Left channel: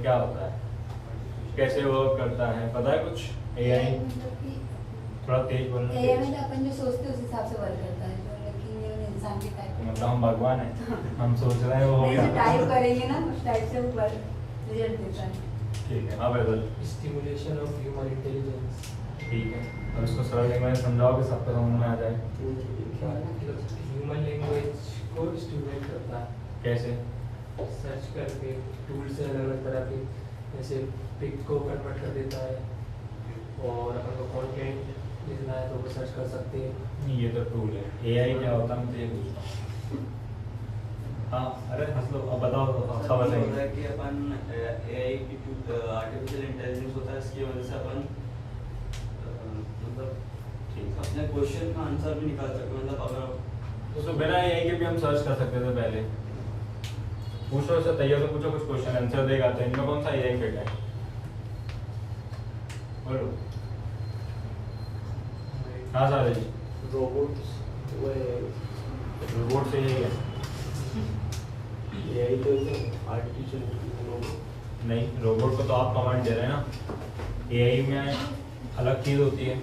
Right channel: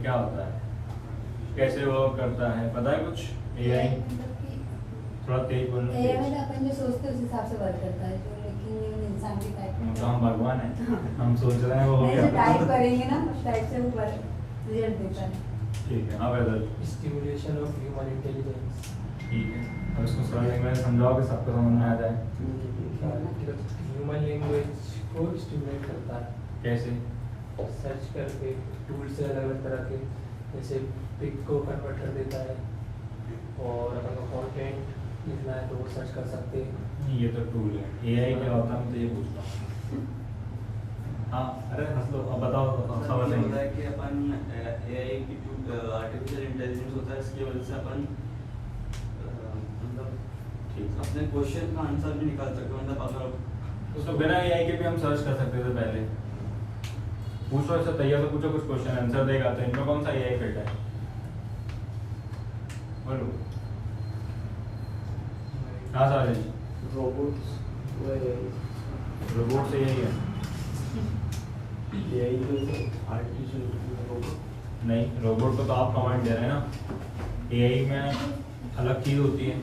ये क्या होता है, कैसे वर्क करता है, पता है कुछ? एआई थोड़ा तेज बोलना। एआई में अपन जो सोचते हैं उस हिसाब से वर्क करता है, जो लेकिन इंसान की टाइप मतलब हम भगवान हैं, हम सोच रहे हैं वो हो नहीं, गया। जो टाइप करेंगे ना उस टाइप से वो रिजल्ट देता है। ठीक है, हाँ whether stimulation of human intelligence. ठीक है, अब इसको सरल लैंग्वेज में समझाओ कि सबको समझ में आ जाए। ह्यूमन लैंग्वेज को स्टिमुलेट करता है, कैसे? सर्च करके टूल्स से अलग अलग तरह के, जैसे पिक को कन्वर्ट कर देता है, और अगर को कंटेंट लिखना है तो वो सर्च कर सकते हैं। ये तो टूल है, एआई क्या होता है मुझे ये पूछता हूँ। हाँ अरे हंस लो, अब बताओ सब होता बताइए। है कि अपन एआई की आर्टिफिशियल इंटेलिजेंस होता है, इसकी वजह से अपन मतलब ठीक है, अपने क्वेश्चन का आंसर भी निकाल सकते हैं। मतलब अगर उसको बिना एआई के भी हम सर्च कर सकते थे पहले। पूछो ऐसा तैयार से पूछो कुछ क्वेश्चन, आंसर देगा। तो इनमें कौन सा एआई बेटा है? बोलो। हाँ सारे जी, रोबोट्स रोबोट से यही है। एआई जो आर्टिफिशियल नहीं, रोबोट को तो आप कमांड दे रहे हैं ना, एआई में अलग चीज होती है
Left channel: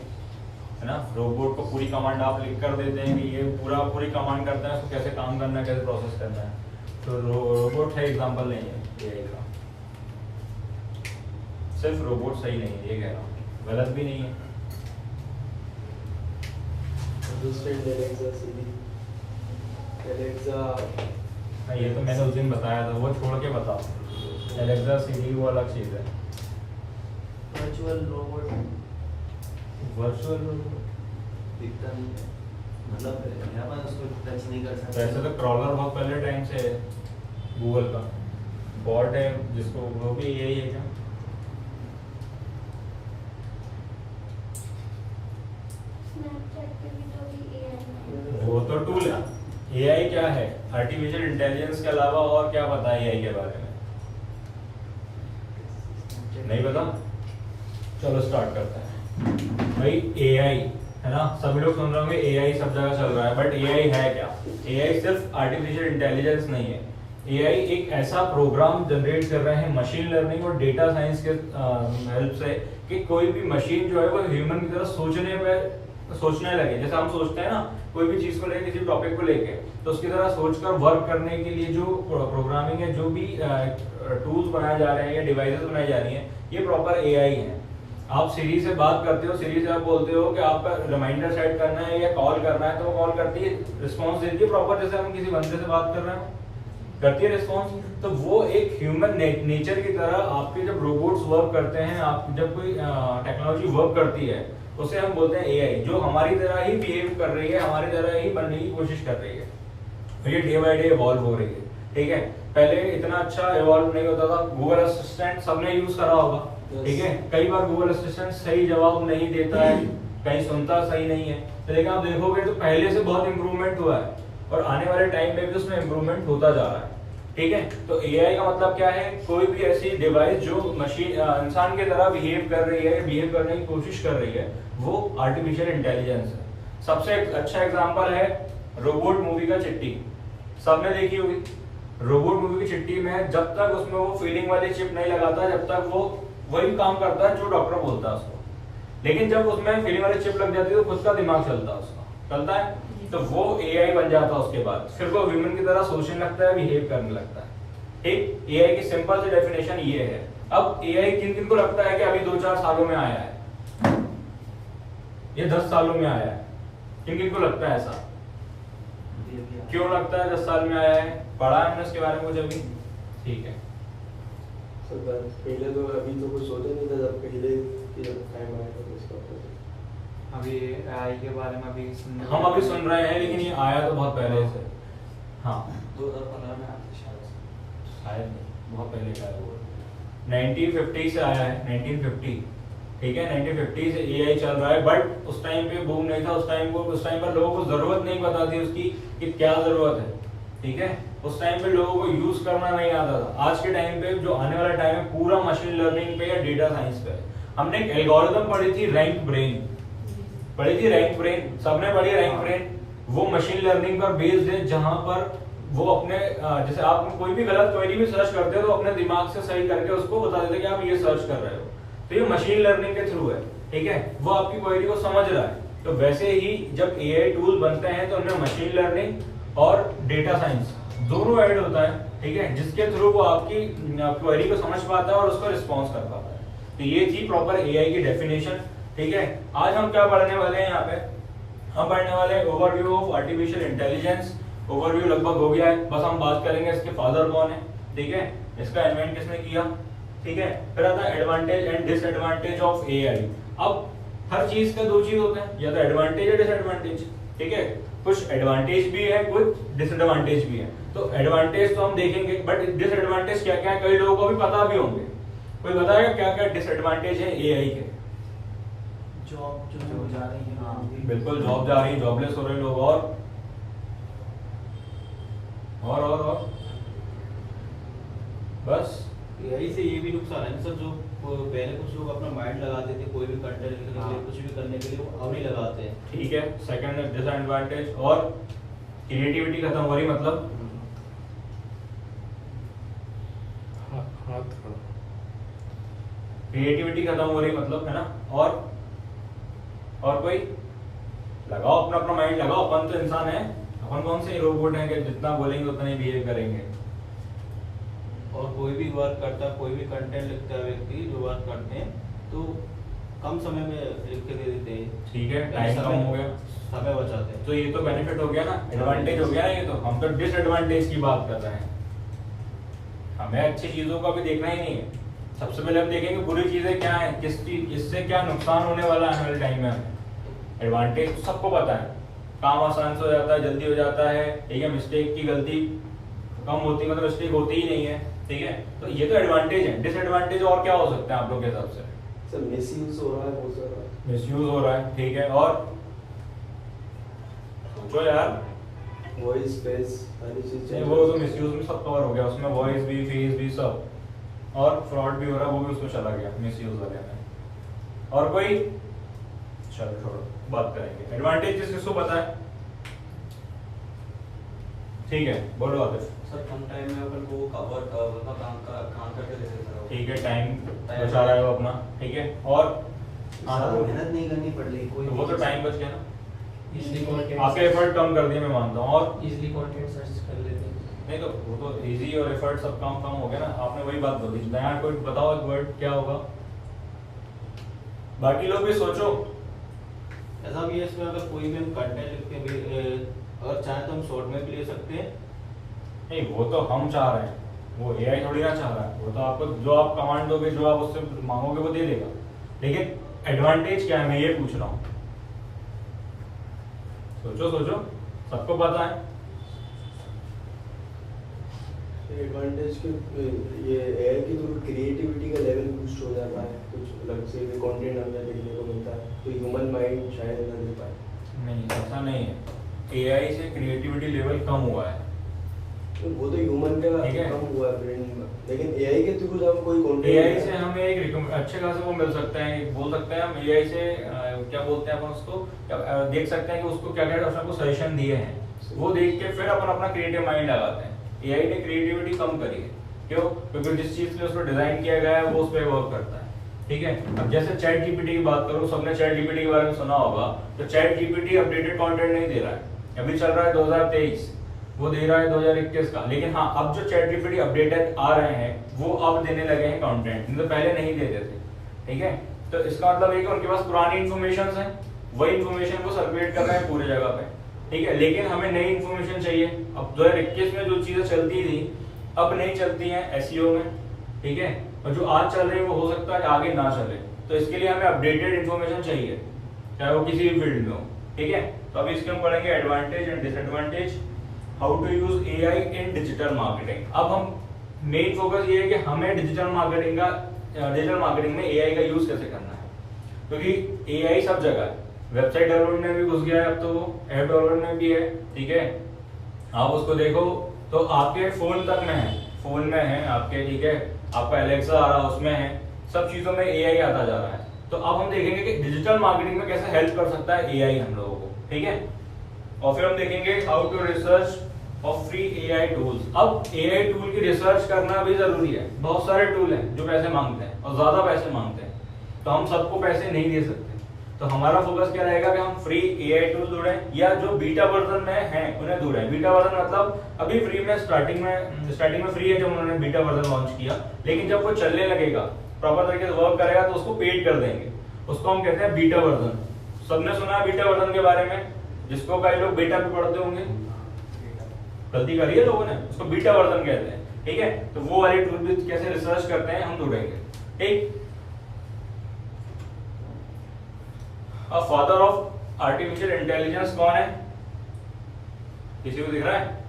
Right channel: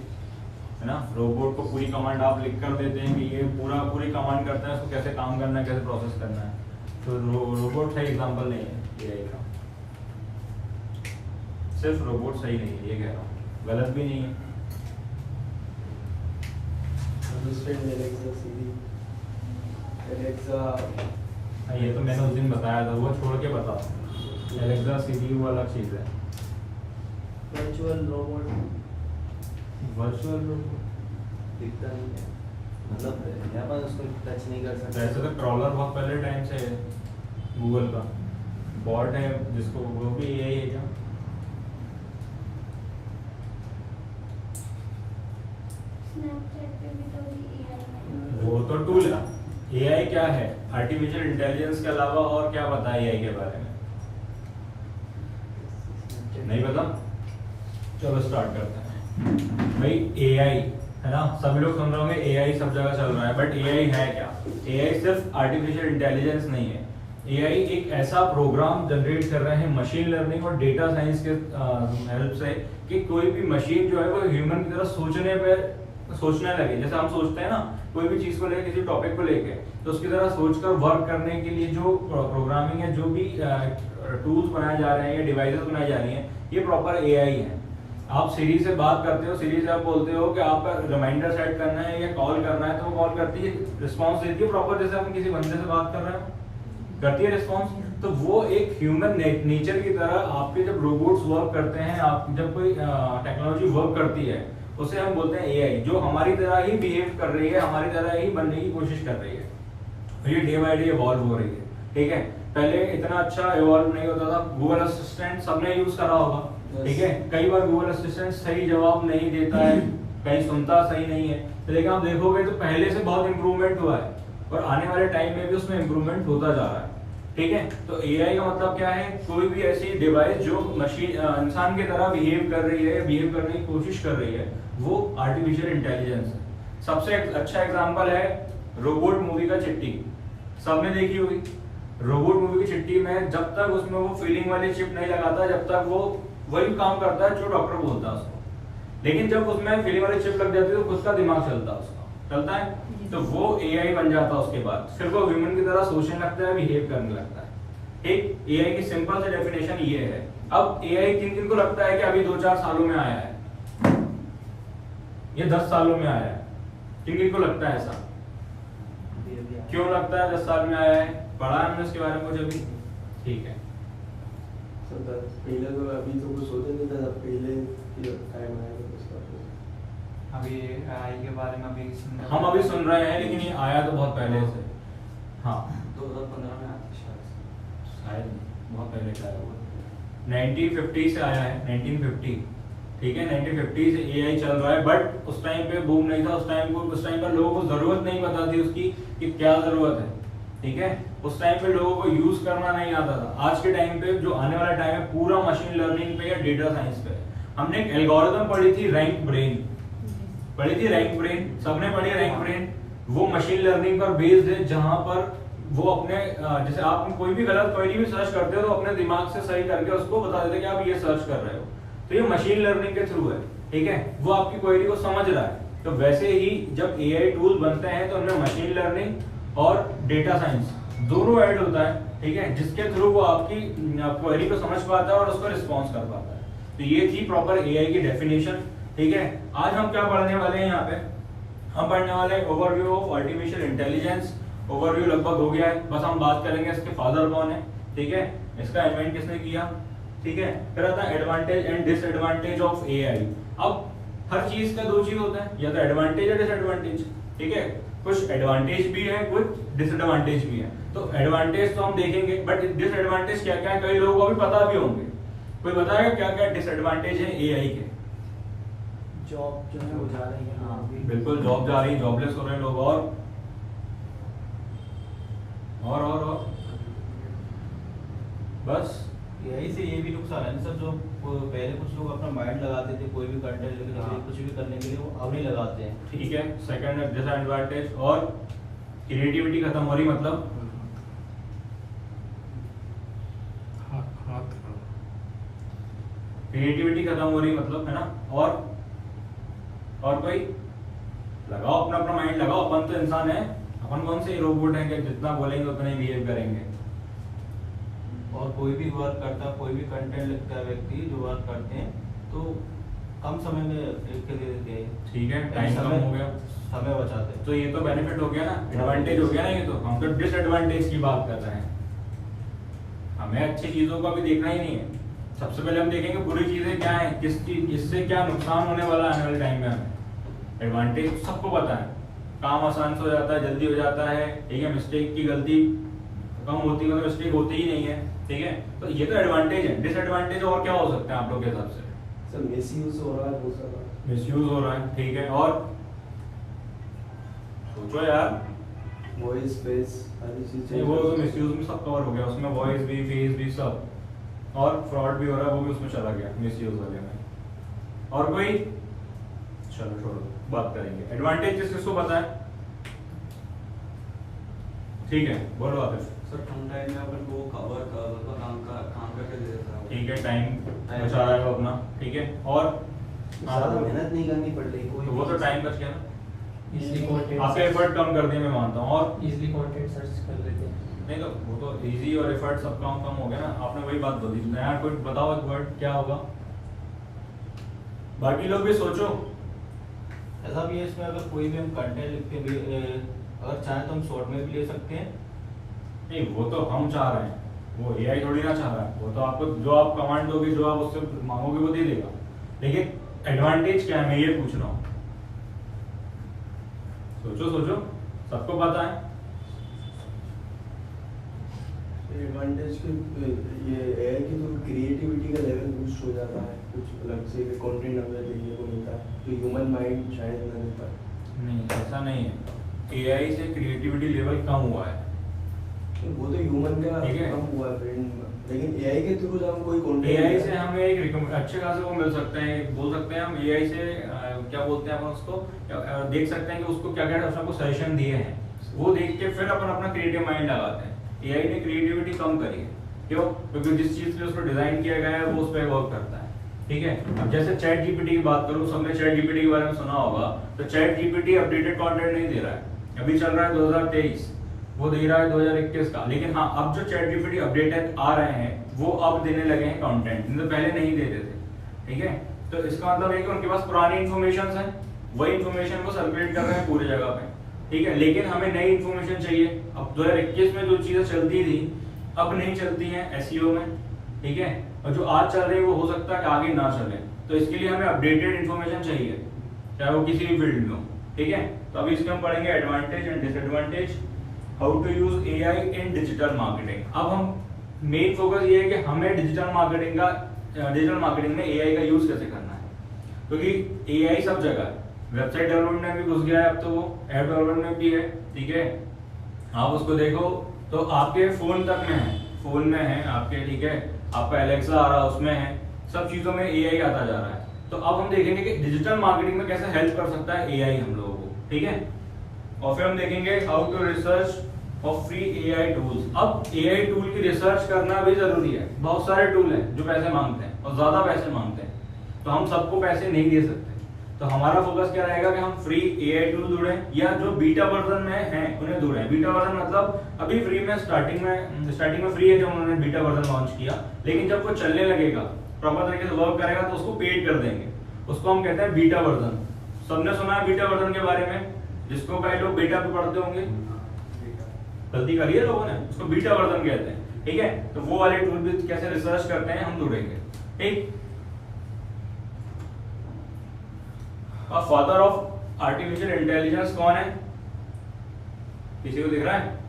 ना। रोबोट को पूरी कमांड आप लिख कर देते हैं कि ये पूरी कमांड करता है, उसको कैसे काम करना है, कैसे प्रोसेस करना है। तो रोबोट है एग्जांपल नहीं है एआई का। सिर्फ रोबोट सही नहीं है ये कह रहा हूँ, गलत भी नहीं है। दूसरे एलेक्सा सीरी एलेक्सा हाँ, ये तो मैंने उस दिन बताया था, वो छोड़ के बताओ। एलेक्सा सीरी वो अलग चीज है। वर्चुअल रोबोट वर्चुअल दिखता नहीं है, मतलब मेरे पास उसको टच नहीं कर सकता। वैसे तो क्रॉलर बहुत पहले टाइम से है गूगल का, बॉट है जिसको, वो भी यही है क्या? स्नैपचैट पे भी तो ये AI वो तो टूल है। एआई क्या है? आर्टिफिशियल इंटेलिजेंस के अलावा और क्या पता है एआई के बारे में? नहीं पता? चलो स्टार्ट करते हैं। भाई एआई है ना, सभी लोग सुन रहे होंगे एआई सब जगह चल रहा है, बट एआई है क्या? एआई सिर्फ आर्टिफिशियल इंटेलिजेंस नहीं है। एआई एक ऐसा प्रोग्राम जनरेट कर रहे हैं मशीन लर्निंग और डेटा साइंस के हेल्प से कि कोई भी मशीन जो है वो ह्यूमन की तरह सोचने लगे। जैसे हम सोचते हैं ना कोई भी चीज को लेके, किसी टॉपिक को लेके, तो उसकी तरह सोचकर वर्क करने के लिए जो प्रोग्रामिंग है, जो भी टूल्स बनाए जा रहे हैं या डिवाइसेस बनाई जा रही हैं, ये प्रॉपर एआई है। आप सीरी से बात करते हो, सीरी से आप बोलते हो कि आपका रिमाइंडर सेट करना है या कॉल करना है, तो वो कॉल करती है, रिस्पॉन्स देती है प्रॉपर, जैसे हम किसी बंदे से बात कर रहे हैं करती है रिस्पॉन्स। तो वो एक ह्यूमन नेचर की तरह आपके जब रोबोट्स वर्क करते हैं, आप जब कोई टेक्नोलॉजी वर्क करती है, उसे हम बोलते हैं एआई, जो हमारी तरह ही बिहेव कर रही है, हमारी तरह ही बनने की कोशिश कर रही है। ये डे बाय डे इवॉल्व हो रही है, ठीक है। पहले इतना अच्छा इवॉल्व नहीं होता था। गूगल असिस्टेंट सबने यूज करा होगा, ठीक है। कई बार गूगल असिस्टेंट सही जवाब नहीं देता है, कहीं सुनता सही नहीं है, तो लेकिन आप देखोगे तो पहले से बहुत इंप्रूवमेंट हुआ है और आने वाले टाइम में भी उसमें इंप्रूवमेंट होता जा रहा है, ठीक है। तो एआई का मतलब क्या है? कोई भी ऐसी डिवाइस जो मशीन इंसान की तरह बिहेव कर रही है, बिहेव करने की कोशिश कर रही है, वो आर्टिफिशियल इंटेलिजेंस है। सबसे अच्छा एग्जांपल है रोबोट मूवी का चिट्टी, सबने देखी होगी। रोबोट मूवी की चिट्टी में जब तक उसमें वो फीलिंग वाली चिप नहीं लगाता, जब तक वो वही काम करता है जो डॉक्टर बोलता है उसको। लेकिन जब उसमें फीलिंग वाली चिप लग जाती है तो खुद का दिमाग चलता है, उसका चलता है, तो वो एआई बन जाता है। उसके बाद फिर वो ह्यूमन की तरह सोचने लगता है, बिहेव करने लगता है, ठीक। एआई की सिंपल सी डेफिनेशन ये है। अब एआई किन किन को लगता है कि अभी 2-4 सालों में आया है, ये 10 सालों में आया है? किन किन को लगता है ऐसा? क्यों लगता है 10 साल में आया है? पढ़ा है हमने उसके बारे में कुछ अभी? ठीक है। पहले तो अभी तो कुछ सोचा नहीं था, जब पहले टाइम आया अभी एआई के बारे में हम अभी सुन रहे हैं, लेकिन ये आया तो बहुत पहले से। हाँ 2015 में आया था शायद। शायद नहीं, बहुत पहले का है वो। 1950 से आया है, 1950, ठीक है। 1950 से एआई चल रहा है, बट उस टाइम पे बूम नहीं था। उस टाइम पर लोगों को जरूरत नहीं पता थी उसकी कि क्या जरूरत है, ठीक है। उस टाइम पे लोगों को यूज करना नहीं आता था। आज के टाइम पे जो आने वाला टाइम है पूरा मशीन लर्निंग पे या डेटा साइंस पे। हमने एक एल्गोरिथम पढ़ी थी, रैंक ब्रेन पढ़ी थी, रैंक ब्रेन सबने पढ़ी। रैंक ब्रेन वो मशीन लर्निंग पर बेस्ड है, जहां पर वो अपने जैसे आप कोई भी गलत क्वेरी भी सर्च करते हो तो अपने दिमाग से सही करके उसको बता देते हैं कि आप ये सर्च कर रहे हो। तो ये मशीन लर्निंग के थ्रू है, ठीक है, वो आपकी क्वेरी को समझ रहा है। तो वैसे ही जब एआई टूल बनते हैं तो उनमें मशीन लर्निंग और डेटा साइंस दोनों ऐड होता है, ठीक है, जिसके थ्रू वो आपकी क्वेरी को समझ पाता है और उसको रिस्पॉन्स कर पाता है। तो ये थी प्रॉपर एआई की डेफिनेशन, ठीक है। आज हम क्या पढ़ने वाले हैं यहाँ पे, हम पढ़ने वाले हैं overview of artificial intelligence. Overview लगभग हो गया है, बस हम बात करेंगे इसके फादर कौन है, ठीक है, इसका इन्वेंट किसने किया, ठीक है। फिर आता है advantage and disadvantage of AI. अब हर चीज का दो चीज होता है, या तो एडवांटेज या डिसएडवांटेज, ठीक है। कुछ एडवांटेज भी है, कुछ डिसएडवांटेज भी है। तो एडवांटेज तो हम देखेंगे, बट डिसएडवांटेज क्या क्या है कई लोगों को भी पता भी होंगे। कोई बताएगा क्या क्या डिसएडवांटेज है एआई के? जॉब जो है वो जा रही है। हाँ बिल्कुल, जॉब जा रही है, जॉबलेस हो रहे हैं लोग। और बस एआई से ये भी नुकसान है सर, जो पहले कुछ लोग अपना माइंड लगाते थे कोई भी कंटेंट लिखने के लिए, कुछ भी करने के लिए, वो अब नहीं लगाते हैं। ठीक है, सेकंड डिसएडवांटेज। और क्रिएटिविटी खत्म हो रही, मतलब क्रिएटिविटी खत्म हो रही मतलब, है ना। और कोई लगाओ अपना अपना माइंड लगाओ, अपन तो इंसान है, अपन कौन से रोबोट हैं कि जितना बोलेंगे उतना ही बिहेव करेंगे। और कोई भी वर्क करता है, कोई भी कंटेंट लिखता है व्यक्ति, जो वर्क करते हैं तो कम समय में लिख के दे देते हैं, ठीक है, टाइम कम हो गया, समय बचाते हैं। तो ये तो बेनिफिट हो गया ना, एडवांटेज हो गया ना। ये तो हम तो डिसएडवांटेज की बात कर रहे हैं, हमें अच्छी चीजों का भी देखना ही नहीं है। सबसे पहले हम देखेंगे बुरी चीजें क्या है, किस चीज इससे क्या नुकसान होने वाला है आने वाले टाइम में। एडवांटेज सबको पता है, काम आसान से हो जाता है, जल्दी हो जाता है, ठीक है, मिस्टेक की गलती कम होती है, मतलब मिस्टेक होती ही नहीं है, ठीक है। तो ये तो एडवांटेज है। डिसएडवांटेज और क्या हो सकता है आप लोग के हिसाब से? सर मिसयूज हो रहा है बहुत सारा। मिसयूज हो रहा है, ठीक है। और सोचो यार, वॉइस स्पेस सारी चीजें, वो तो मिसयूज में सब कवर हो गया, उसमें वॉइस भी, फेस भी, सब। और फ्रॉड भी हो रहा है, वो भी उसमें चला गया मिसयूज वाले में। और कोई, चलो छोड़ो, बात करेंगे एडवांटेज किसको पता है, ठीक है, बोलो आतिफ। सर कम टाइम में अपन को काम करके दे देता है वो। ठीक है, टाइम बचा रहा है वो अपना, ठीक है। और ज्यादा मेहनत नहीं करनी पड़ रही कोई, तो वो तो टाइम बच गया ना, इजली कंटेंट, आपके एफर्ट कम कर दिए, मैं मानता हूँ। और इजली कंटेंट सर्च कर लेते हैं। नहीं तो वो तो इजी और एफर्ट सब कम कम हो गया ना, आपने वही बात बोली। नया कोई बताओ एक वर्ड क्या होगा, बाकी लोग भी सोचो। ऐसा भी है इसमें, अगर कोई भी हम कंटेंट लिख के भी अगर चाहे तो हम शॉर्ट में भी ले सकते हैं। नहीं, वो तो हम चाह रहे हैं, वो एआई थोड़ी ना चाह रहा है। वो तो आपको जो आप कमांड दोगे, जो आप उससे मांगोगे वो दे देगा। लेकिन एडवांटेज क्या है, मैं ये पूछ रहा हूँ, सोचो सोचो, सबको पता है। एडवांटेज के ये एआई के थ्रू क्रिएटिविटी का लेवल बूस्ट हो जाता है, कुछ अलग से भी कंटेंट हमें देखने को मिलता है, तो ह्यूमन माइंड शायद ना दे पाए। नहीं, ऐसा नहीं है, एआई से क्रिएटिविटी लेवल कम हुआ है। तो वो तो ह्यूमन का ठीक है। कम हुआ है ब्रेन, लेकिन एआई के थ्रू हम कोई कंटेंट, एआई से हमें एक अच्छे खासे वो मिल सकता है, बोल सकते हैं हम एआई से क्या बोलते हैं हम उसको, देख सकते हैं कि उसको क्या क्या उसने आपको सजेशन दिए हैं, वो देख के फिर अपन अपना क्रिएटिव माइंड लगाते हैं। एआई ने क्रिएटिविटी कम करी है, क्यों? क्योंकि जिस चीज के लिए उसको डिजाइन किया गया है वो उस पर वर्क करता है, ठीक है। अब जैसे चैट जीपीटी की बात करूं, सबने चैट जीपीटी के बारे में सुना होगा। तो चैट जीपीटी अपडेटेड कंटेंट नहीं दे रहा है, अभी चल रहा है 2023, वो दे रहा है 2021 का। लेकिन हाँ, अब जो चैट जीपीटी अपडेटेड आ रहे हैं वो अब देने लगे हैं कंटेंट, नहीं तो पहले नहीं देते थे, ठीक है। तो इसका मतलब है कि उनके पास पुरानी इन्फॉर्मेशन है, वही इन्फॉर्मेशन को सर्कुलेट कर रहे हैं पूरी जगह पे, ठीक है। लेकिन हमें नई इन्फॉर्मेशन चाहिए। अब 2021 में जो चीजें चलती थी अब नहीं चलती हैं एसईओ में, ठीक है। और जो आज चल रही है वो हो सकता है कि आगे ना चले, तो इसके लिए हमें अपडेटेड इन्फॉर्मेशन चाहिए, चाहे वो किसी भी फील्ड में हो, ठीक है। तो अभी इसके हम पढ़ेंगे advantage and disadvantage, how to use AI in digital marketing. अब हम मेन फोकस ये है कि हमें डिजिटल मार्केटिंग में एआई का यूज कैसे करना है, क्योंकि एआई सब जगह है, वेबसाइट डेवलपमेंट में भी घुस गया है, अब तो वो ऐप डेवलपमेंट में भी है, ठीक है। आप उसको देखो तो आपके फोन तक में है, फोन में है आपके, ठीक है, आपका एलेक्सा आ रहा है उसमें है, सब चीजों में एआई आता जा रहा है। तो अब हम देखेंगे कि डिजिटल मार्केटिंग में कैसे हेल्प कर सकता है एआई हम लोगों को, ठीक है। और फिर हम देखेंगे हाउ टू रिसर्च और फ्री एआई टूल्स। अब एआई टूल की रिसर्च करना भी जरूरी है। बहुत सारे टूल हैं जो पैसे मांगते हैं और ज्यादा पैसे मांगते हैं, तो हम सबको पैसे नहीं दे सकते। तो हमारा फोकस क्या रहेगा कि हम फ्री एआई टूल ढूंढें, या जो बीटा वर्जन में हैं उन्हें ढूंढें। बीटा वर्जन मतलब अभी फ्री में स्टार्टिंग में फ्री है जब उन्होंने बीटा वर्जन लॉन्च किया, लेकिन जब वो चलने लगेगा, प्रॉपर तरीके से वर्क करेगा, तो उसको पेड कर देंगे। उसको हम कहते हैं बीटा वर्जन। सबने सुना है बीटा वर्जन के बारे में, जिसको कई लोग बेटा भी पढ़ते होंगे, गलती करी है लोगों ने, उसको बीटा वर्जन कहते हैं। ठीक है, तो वो वाले टूल भी कैसे रिसर्च करते हैं हम ढूंढेंगे। ठीक, अब फादर ऑफ आर्टिफिशियल इंटेलिजेंस कौन है? किसी को दिख रहा है?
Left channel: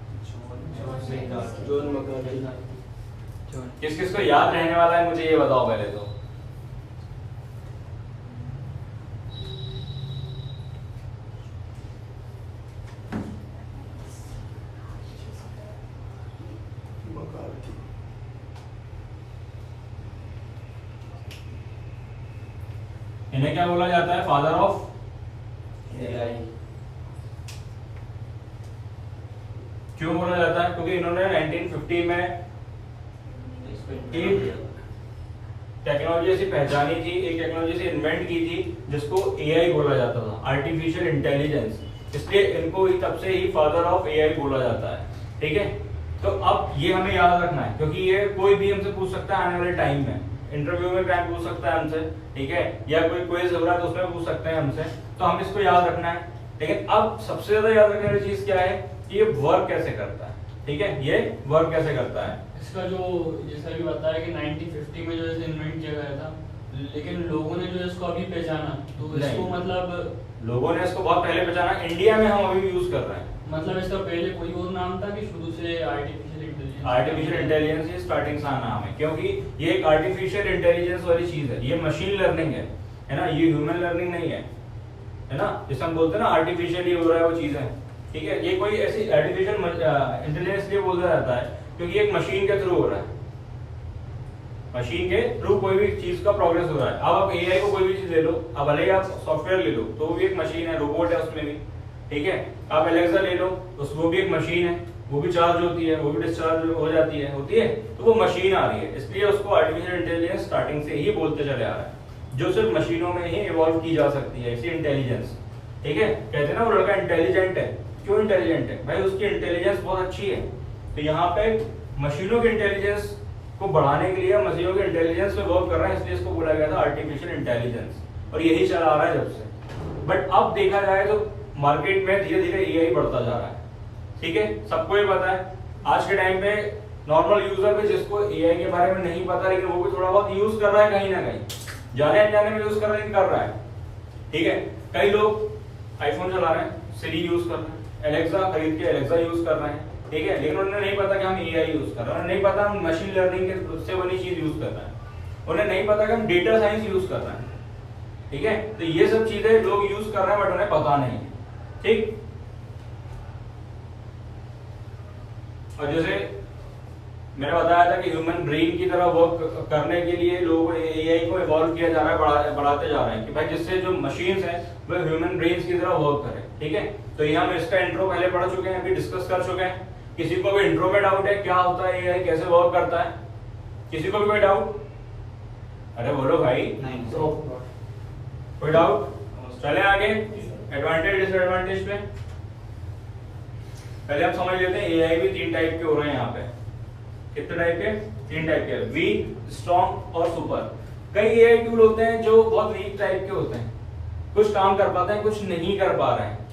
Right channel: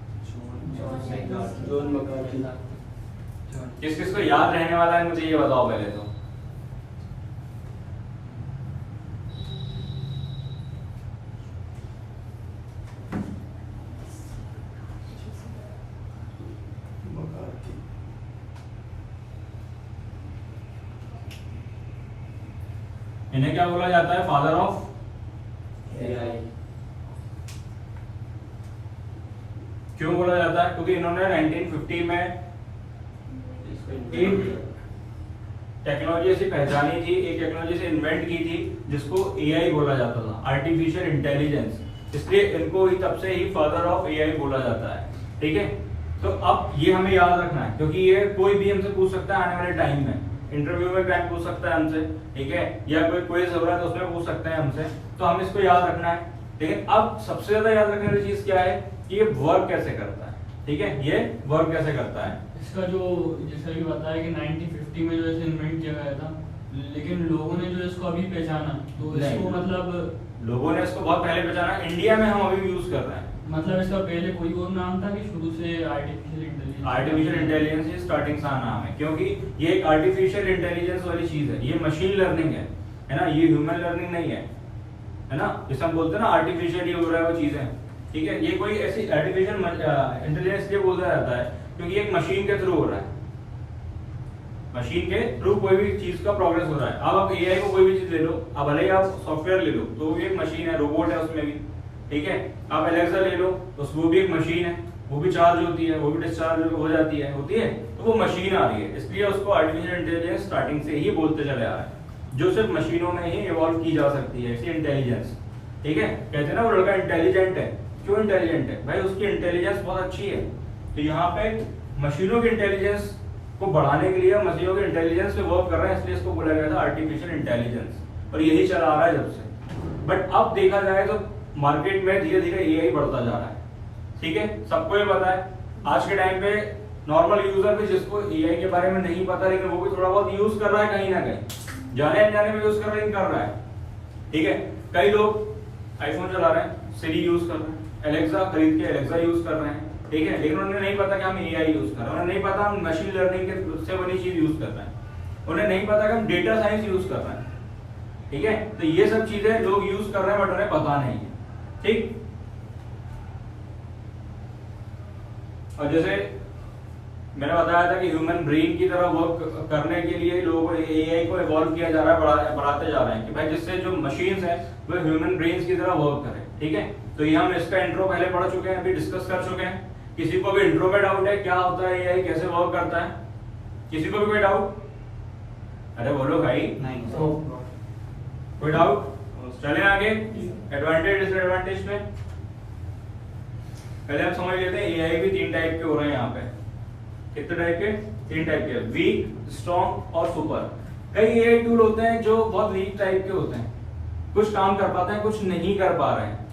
जॉन मकार्दी। किस किस को याद रहने वाला है मुझे ये बताओ पहले तो। मकार्दी। इन्हें क्या बोला जाता है? Father of AI. क्यों बोला जाता है? क्योंकि इन्होंने 1950 में एक टेक्नोलॉजी ऐसी पहचानी थी, एक टेक्नोलॉजी से इन्वेंट की थी जिसको एआई बोला जाता था, आर्टिफिशियल इंटेलिजेंस। इसलिए इनको ही तब से ही फादर ऑफ एआई बोला जाता है। ठीक है, तो अब ये हमें याद रखना है, क्योंकि ये कोई भी हमसे पूछ सकता है आने वाले टाइम में। इंटरव्यू में क्या पूछ सकता है हमसे, ठीक है, या कोई क्विज हो रहा है तो उसमें पूछ सकते हैं हमसे, तो हम इसको याद रखना है। लेकिन अब सबसे ज्यादा याद रखने वाली चीज क्या है कि ये वर्क कैसे करता है। ठीक है, ये वर्क कैसे करता है। इसका जो जैसा कि बताया कि 1950 में जो इसे इन्वेंट किया गया था, लेकिन लोगों ने जो इसको अभी पहचाना, तो इसको नहीं। मतलब लोगों ने इसको बहुत पहले पहचाना, इंडिया में हम अभी यूज कर रहे हैं। मतलब इसका पहले कोई और नाम था कि शुरू से आर्टिफिशियल इंटेलिजेंस? आर्टिफिशियल इंटेलिजेंस ही स्टार्टिंग से नाम है, क्योंकि ये एक आर्टिफिशियल इंटेलिजेंस वाली चीज है, ये मशीन लर्निंग है ना, ये ह्यूमन लर्निंग नहीं है ना। जैसे हम बोलते हैं ना आर्टिफिशियल ये हो रहा है वो चीज है। ठीक है, ये कोई ऐसी आर्टिफिशियल इंटेलिजेंस इसलिए बोला जाता है क्योंकि एक मशीन के थ्रू हो रहा है, मशीन के थ्रू कोई भी चीज का प्रोग्रेस हो रहा है। अब आप एआई को कोई भी चीज ले लो, अब भले ही आप सॉफ्टवेयर ले लो तो वो भी एक मशीन है, रोबोट है उसमें भी। ठीक है, आप एलेक्सा ले लो तो वो भी एक मशीन है, वो भी चार्ज होती है, वो भी डिस्चार्ज हो जाती है, तो वो मशीन आ रही है। इसलिए उसको आर्टिफिशियल इंटेलिजेंस स्टार्टिंग से ही बोलते चले आ रहा है, जो सिर्फ मशीनों में ही इवॉल्व की जा सकती है, ऐसी इंटेलिजेंस। ठीक है, कहते हैं ना वो लड़का इंटेलिजेंट है। क्यों इंटेलिजेंट है भाई? उसकी इंटेलिजेंस बहुत अच्छी है। तो यहाँ पे मशीनों की इंटेलिजेंस को बढ़ाने के लिए मशीनों के इंटेलिजेंस पे वर्क कर रहा है, इसलिए इसको बोला गया था आर्टिफिशियल इंटेलिजेंस, और यही चला आ रहा है जब से। बट अब देखा जाए तो मार्केट में धीरे धीरे एआई बढ़ता जा रहा है। ठीक है, सबको ये पता है आज के टाइम पे नॉर्मल यूजर भी जिसको एआई के बारे में नहीं पता, लेकिन वो भी थोड़ा बहुत यूज कर रहा है, कहीं ना कहीं जाने अनजाने में यूज कर रहा है। ठीक है, कई लोग आईफोन चला रहे हैं, सिरी यूज कर रहे हैं, एलेक्सा खरीद के एलेक्सा यूज कर रहे हैं। ठीक है, लेकिन उन्हें नहीं पता कि हम एआई यूज कर रहे हैं, उन्हें नहीं पता हम मशीन लर्निंग के से बनी चीज यूज कर रहे हैं, उन्हें नहीं पता कि हम डेटा साइंस यूज कर रहे हैं। ठीक है, तो ये सब चीजें लोग यूज कर रहे हैं बट उन्हें पता नहीं है। ठीक, और जैसे मैंने बताया था कि ह्यूमन ब्रेन की तरह वर्क करने के लिए लोगों ने एआई को इवॉल्व किया जा रहा है, बढ़ाते जा रहे हैं कि भाई जिससे जो मशीन्स हैं वो ह्यूमन ब्रेन की तरह वर्क करें। ठीक है, तो ये हम इसका इंट्रो पहले पढ़ चुके हैं, अभी डिस्कस कर चुके हैं। किसी को भी इंट्रो में डाउट है क्या होता है एआई, कैसे वर्क करता है? किसी को भी कोई डाउट? अरे बोलो भाई। नहीं कोई डाउट? चले आगे एडवांटेज डिसएडवांटेज पे। पहले आप समझ लेते हैं एआई भी 3 टाइप के हो रहे हैं यहाँ पे। कितने टाइप के? 3 टाइप के, वीक, स्ट्रॉन्ग और सुपर। कई एआई टूल होते हैं जो बहुत वीक टाइप के होते हैं, कुछ काम कर पाते हैं, कुछ नहीं कर पा रहे हैं।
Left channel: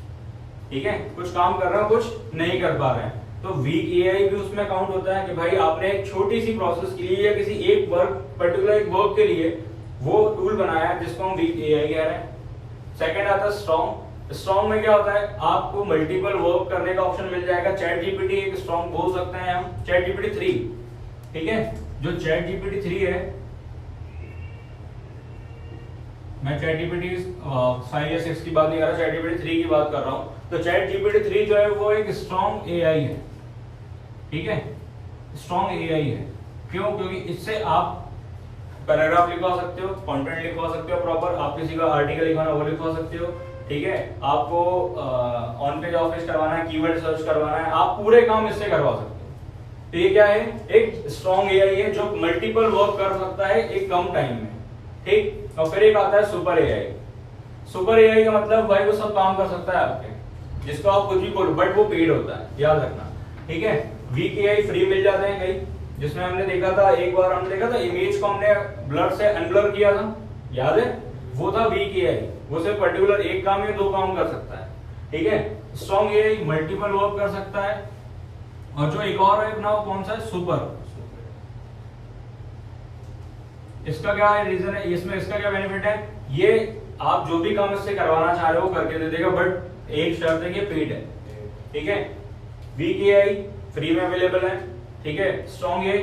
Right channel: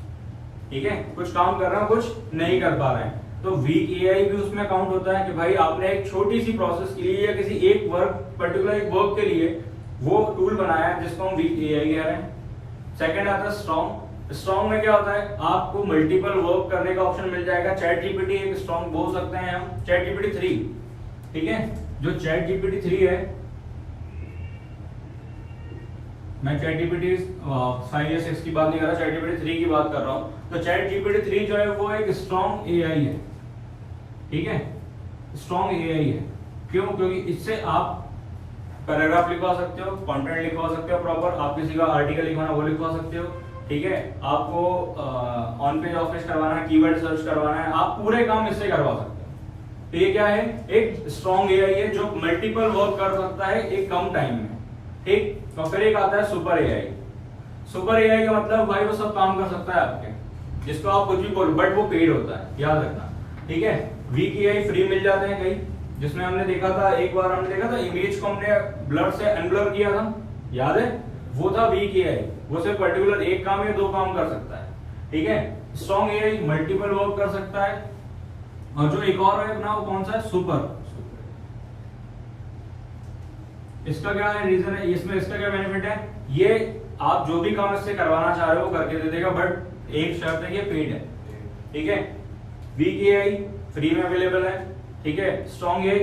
ठीक है, कुछ काम कर रहे हैं, कुछ नहीं कर पा रहे हैं। तो वीक एआई भी उसमें काउंट होता है कि भाई आपने एक छोटी सी प्रोसेस के लिए या किसी एक पर्टिकुलर एक वर्क के लिए वो टूल बनाया है जिसको हम वीक एआई कह रहे हैं। सेकंड आता है स्ट्रॉन्ग। स्ट्रॉन्ग में क्या होता है, आपको मल्टीपल वर्क करने का ऑप्शन मिल जाएगा। चैट जीपीटी एक स्ट्रॉन्ग बोल सकते हैं हम, चैट जीपीटी 3। ठीक है, जो चैट जीपीटी 3 है, मैं चैट जीपीटी 5 या 6 की बात नहीं कर रहा, चैट जीपीटी 3 की बात कर रहा हूं। तो चैट जीपीटी 3 जो है वो एक स्ट्रॉन्ग एआई है। ठीक है, स्ट्रॉन्ग एआई है। क्यों? क्योंकि इससे आप पैराग्राफ लिखवा सकते हो, कंटेंट लिखवा सकते हो प्रॉपर, आप किसी का आर्टिकल लिखवाना वो लिखवा सकते हो, ठीक है, आपको ऑन पेज ऑफिस करवाना है, कीवर्ड सर्च करवाना है, आप पूरे काम इससे करवा सकते हैं। तो ये क्या है, एक स्ट्रॉन्ग एआई है जो मल्टीपल वर्क कर सकता है एक कम टाइम में, ठीक। तो फिर एक आता है सुपर एआई। सुपर एआई का मतलब भाई वो सब काम कर सकता है आपके, जिसको आप कुछ भी बोलो, बट वो पेड होता है, याद रखना, ठीक है। वीक एआई फ्री मिल जाते हैं कई, जिसमें हमने देखा था, एक बार हमने देखा था इमेज को हमने ब्लर से अनब्लर किया था, याद है, वो था वीक एआई। वो सिर्फ पर्टिकुलर एक काम या दो काम कर सकता है, ठीक है। स्ट्रॉन्ग एआई मल्टीपल वर्क कर सकता है, और जो एक और है ना, वो कौन सा है, सुपर। इसका क्या रीजन है, इसमें इसका क्या बेनिफिट है, ये आप जो भी काम इससे करवाना चाह रहे हो करके दे देगा, बट एक शर्त है कि पेड है, ठीक है। वीक एआई फ्री में अवेलेबल है, ठीक है। स्ट्रॉन्ग एआई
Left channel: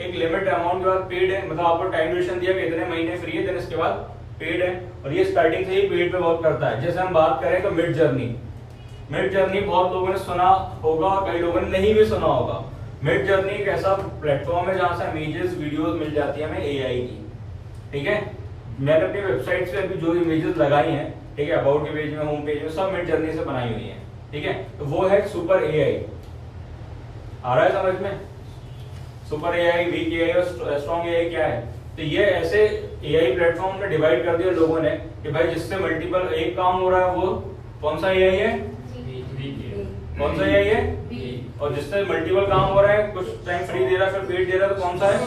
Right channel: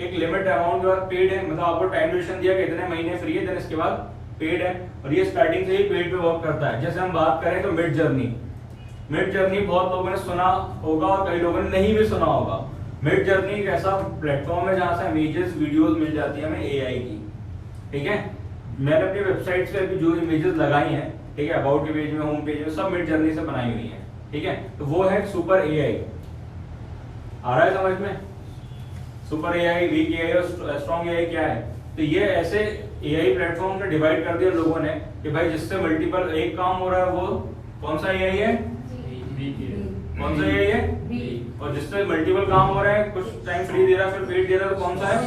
एक लिमिट अमाउंट के बाद पेड है, मतलब आपको टाइम ड्यूरेशन दिया कि इतने महीने फ्री है, देन इसके बाद पेड है, और ये स्टार्टिंग से ही पेड पे वर्क करता है। जैसे हम बात करें तो मिड जर्नी बहुत लोगों ने सुना होगा और कई लोगों ने नहीं भी सुना होगा। मिड जर्नी एक ऐसा प्लेटफॉर्म है जहां से इमेजेस वीडियोस मिल जाती है हमें एआई की, ठीक है। मैंने अपनी वेबसाइट से अभी जो इमेजेस लगाई हैं, ठीक है, अबाउट के पेज में, होम पेज में, सब मिड जर्नी से बनाई हुई है, ठीक है। तो वो है सुपर एआई। आ रहा है समझ में? सुपर एआई, वीक एआई और स्ट्रॉन्ग एआई क्या है? तो ये ऐसे एआई प्लेटफॉर्म ने डिवाइड कर दिया लोगों ने कि भाई जिससे मल्टीपल एक काम हो रहा है, वो कौन सा एआई है, कौन सा एआई है, और जिससे मल्टीपल काम हो रहा है, कुछ टाइम फ्री दे रहा है, फिर पेड दे रहा है, तो कौन सा है,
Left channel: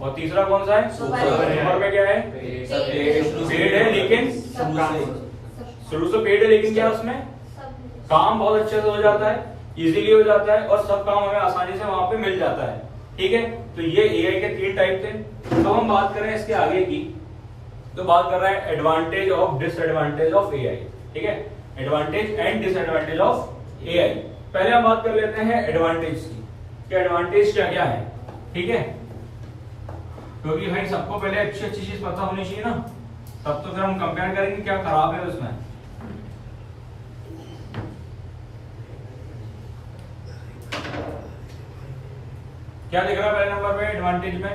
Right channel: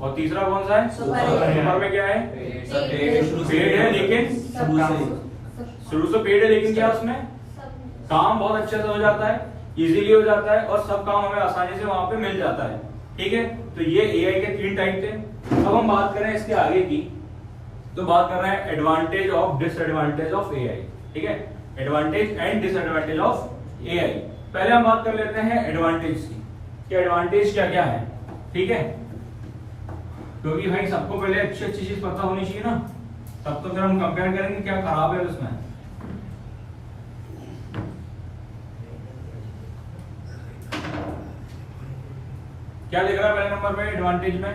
और तीसरा कौन सा है, सुपर में क्या है, पेड है, लेकिन शुरू से पेड है, लेकिन क्या उसमें काम बहुत अच्छे से हो जाता है, इजीली हो जाता है, और सब काम हमें आसानी से वहां पे मिल जाता है, ठीक है। तो ये एआई के 3 टाइप थे। अब हम बात करें इसके आगे की, तो बात कर रहे हैं एडवांटेज और डिसएडवांटेज ऑफ एआई, ठीक है। Advantage and disadvantage of AI. पहले हम बात कर लेते हैं एडवांटेज की, कि एडवांटेज क्या क्या है, ठीक है। क्योंकि भाई सबको पहले अच्छी चीज पता होनी चाहिए ना, तब तो फिर हम कंपेयर करेंगे क्या खराब है उसमें। क्या दिख रहा है पहले नंबर पे एडवांटेज में?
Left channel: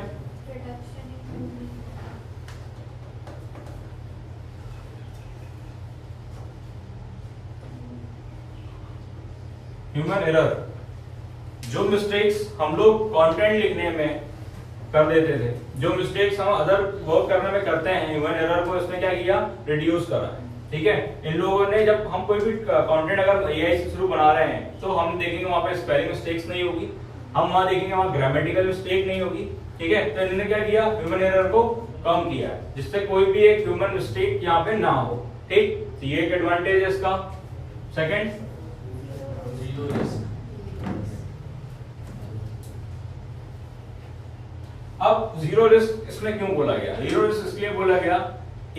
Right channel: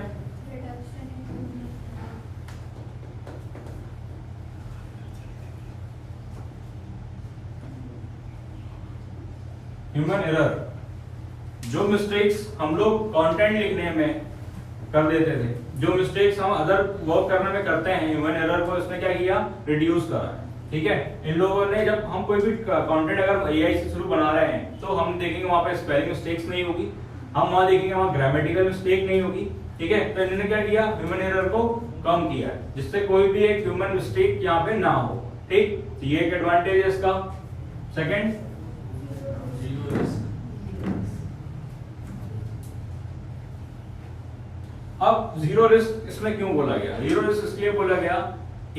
Human error. जो मिस्टेक्स हम लोग कंटेंट लिखने में कर देते थे, जो मिस्टेक्स हम अदर वर्क करने में करते हैं, ह्यूमन एरर को इसने क्या किया, रिड्यूस करा, ठीक है। इन लोगों ने, जब हम कोई भी कंटेंट अगर एआई से शुरू बना रहे हैं, तो हम देखेंगे वहां पे स्पेलिंग मिस्टेक्स नहीं होगी, हम वहां देखेंगे वहां ग्रामेटिकल मिस्टेक नहीं होगी, ठीक है। तो इन्होंने क्या किया, ह्यूमन एरर को कम किया, जिससे कोई भी एक ह्यूमन मिस्टेक यहाँ पे ना हो, ठीक। तो ये एक एडवांटेज है इसका। सेकंड, अब जीरो रिस्क इसमें क्यों बोला गया? जीरो रिस्क इसलिए बोला गया,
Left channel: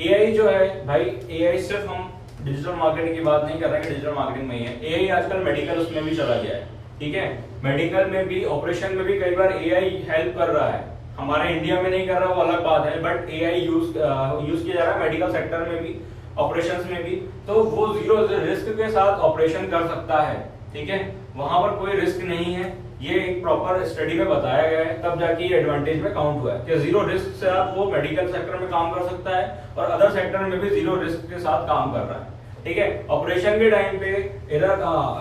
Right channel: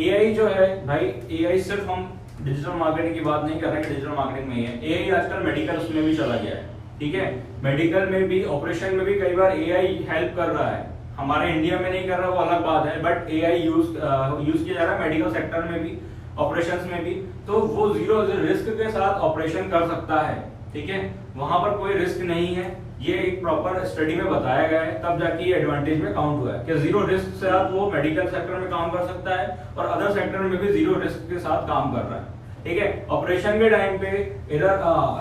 एआई जो है भाई, एआई सिर्फ हम डिजिटल मार्केटिंग की बात नहीं कर रहे हैं, डिजिटल मार्केटिंग में ही है, एआई आजकल मेडिकल उसमें भी चला गया है, ठीक है। मेडिकल में भी, ऑपरेशन में भी कई बार एआई हेल्प कर रहा है। हमारे इंडिया में नहीं कर रहा, वो अलग बात है, बट एआई यूज किया जा रहा है मेडिकल सेक्टर में भी, ऑपरेशंस में भी। तो वो जीरो रिस्क के साथ ऑपरेशन कर सकता है, ठीक है, वहां पर कोई रिस्क नहीं है। ये एक प्रॉपर स्टडी में बताया गया है, तब जाके ये एडवांटेज में काउंट हुआ है कि जीरो रिस्क के साथ वो मेडिकल सेक्टर में काम कर सकता है, और अदर सेक्टर में भी जीरो रिस्क के साथ काम कर रहा है, ठीक है। ऑपरेशन के टाइम पे एरर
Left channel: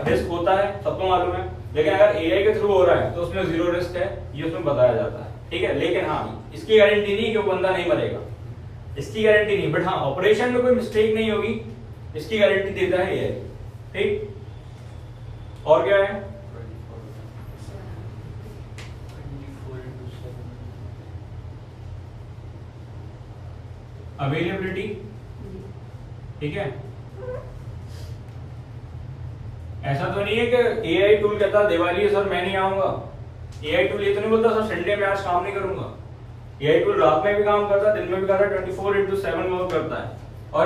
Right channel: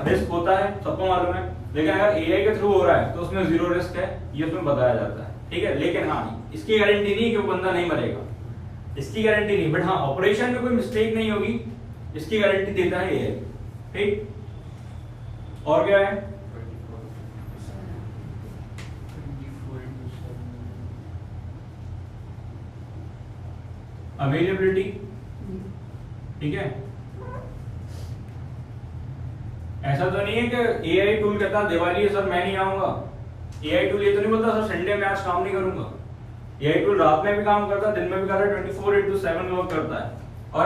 रिस्क होता है, सबको मालूम है, लेकिन अगर एआई के थ्रू हो रहा है तो उसमें जीरो रिस्क है, ये उसमें बताया जाता है, ठीक है। लेकिन हाँ, इसकी गारंटी नहीं कि वो बंदा नहीं मरेगा, इसकी गारंटी नहीं, बट हाँ ऑपरेशन में कोई मिस्टेक नहीं होगी, इसकी गारंटी देता है एआई, ठीक। और क्या है? अवेलेबिलिटी, ठीक है। ऐसा तो नहीं है कि एआई टूल कहता दिवाली है सर मैं नहीं आऊंगा, एआई टूल ये तो नहीं बोलता सर संडे में आज काम नहीं करूंगा। एआई टूल रात में भी काम करता है, दिन में भी करता है, 24/7 वर्क करता है, और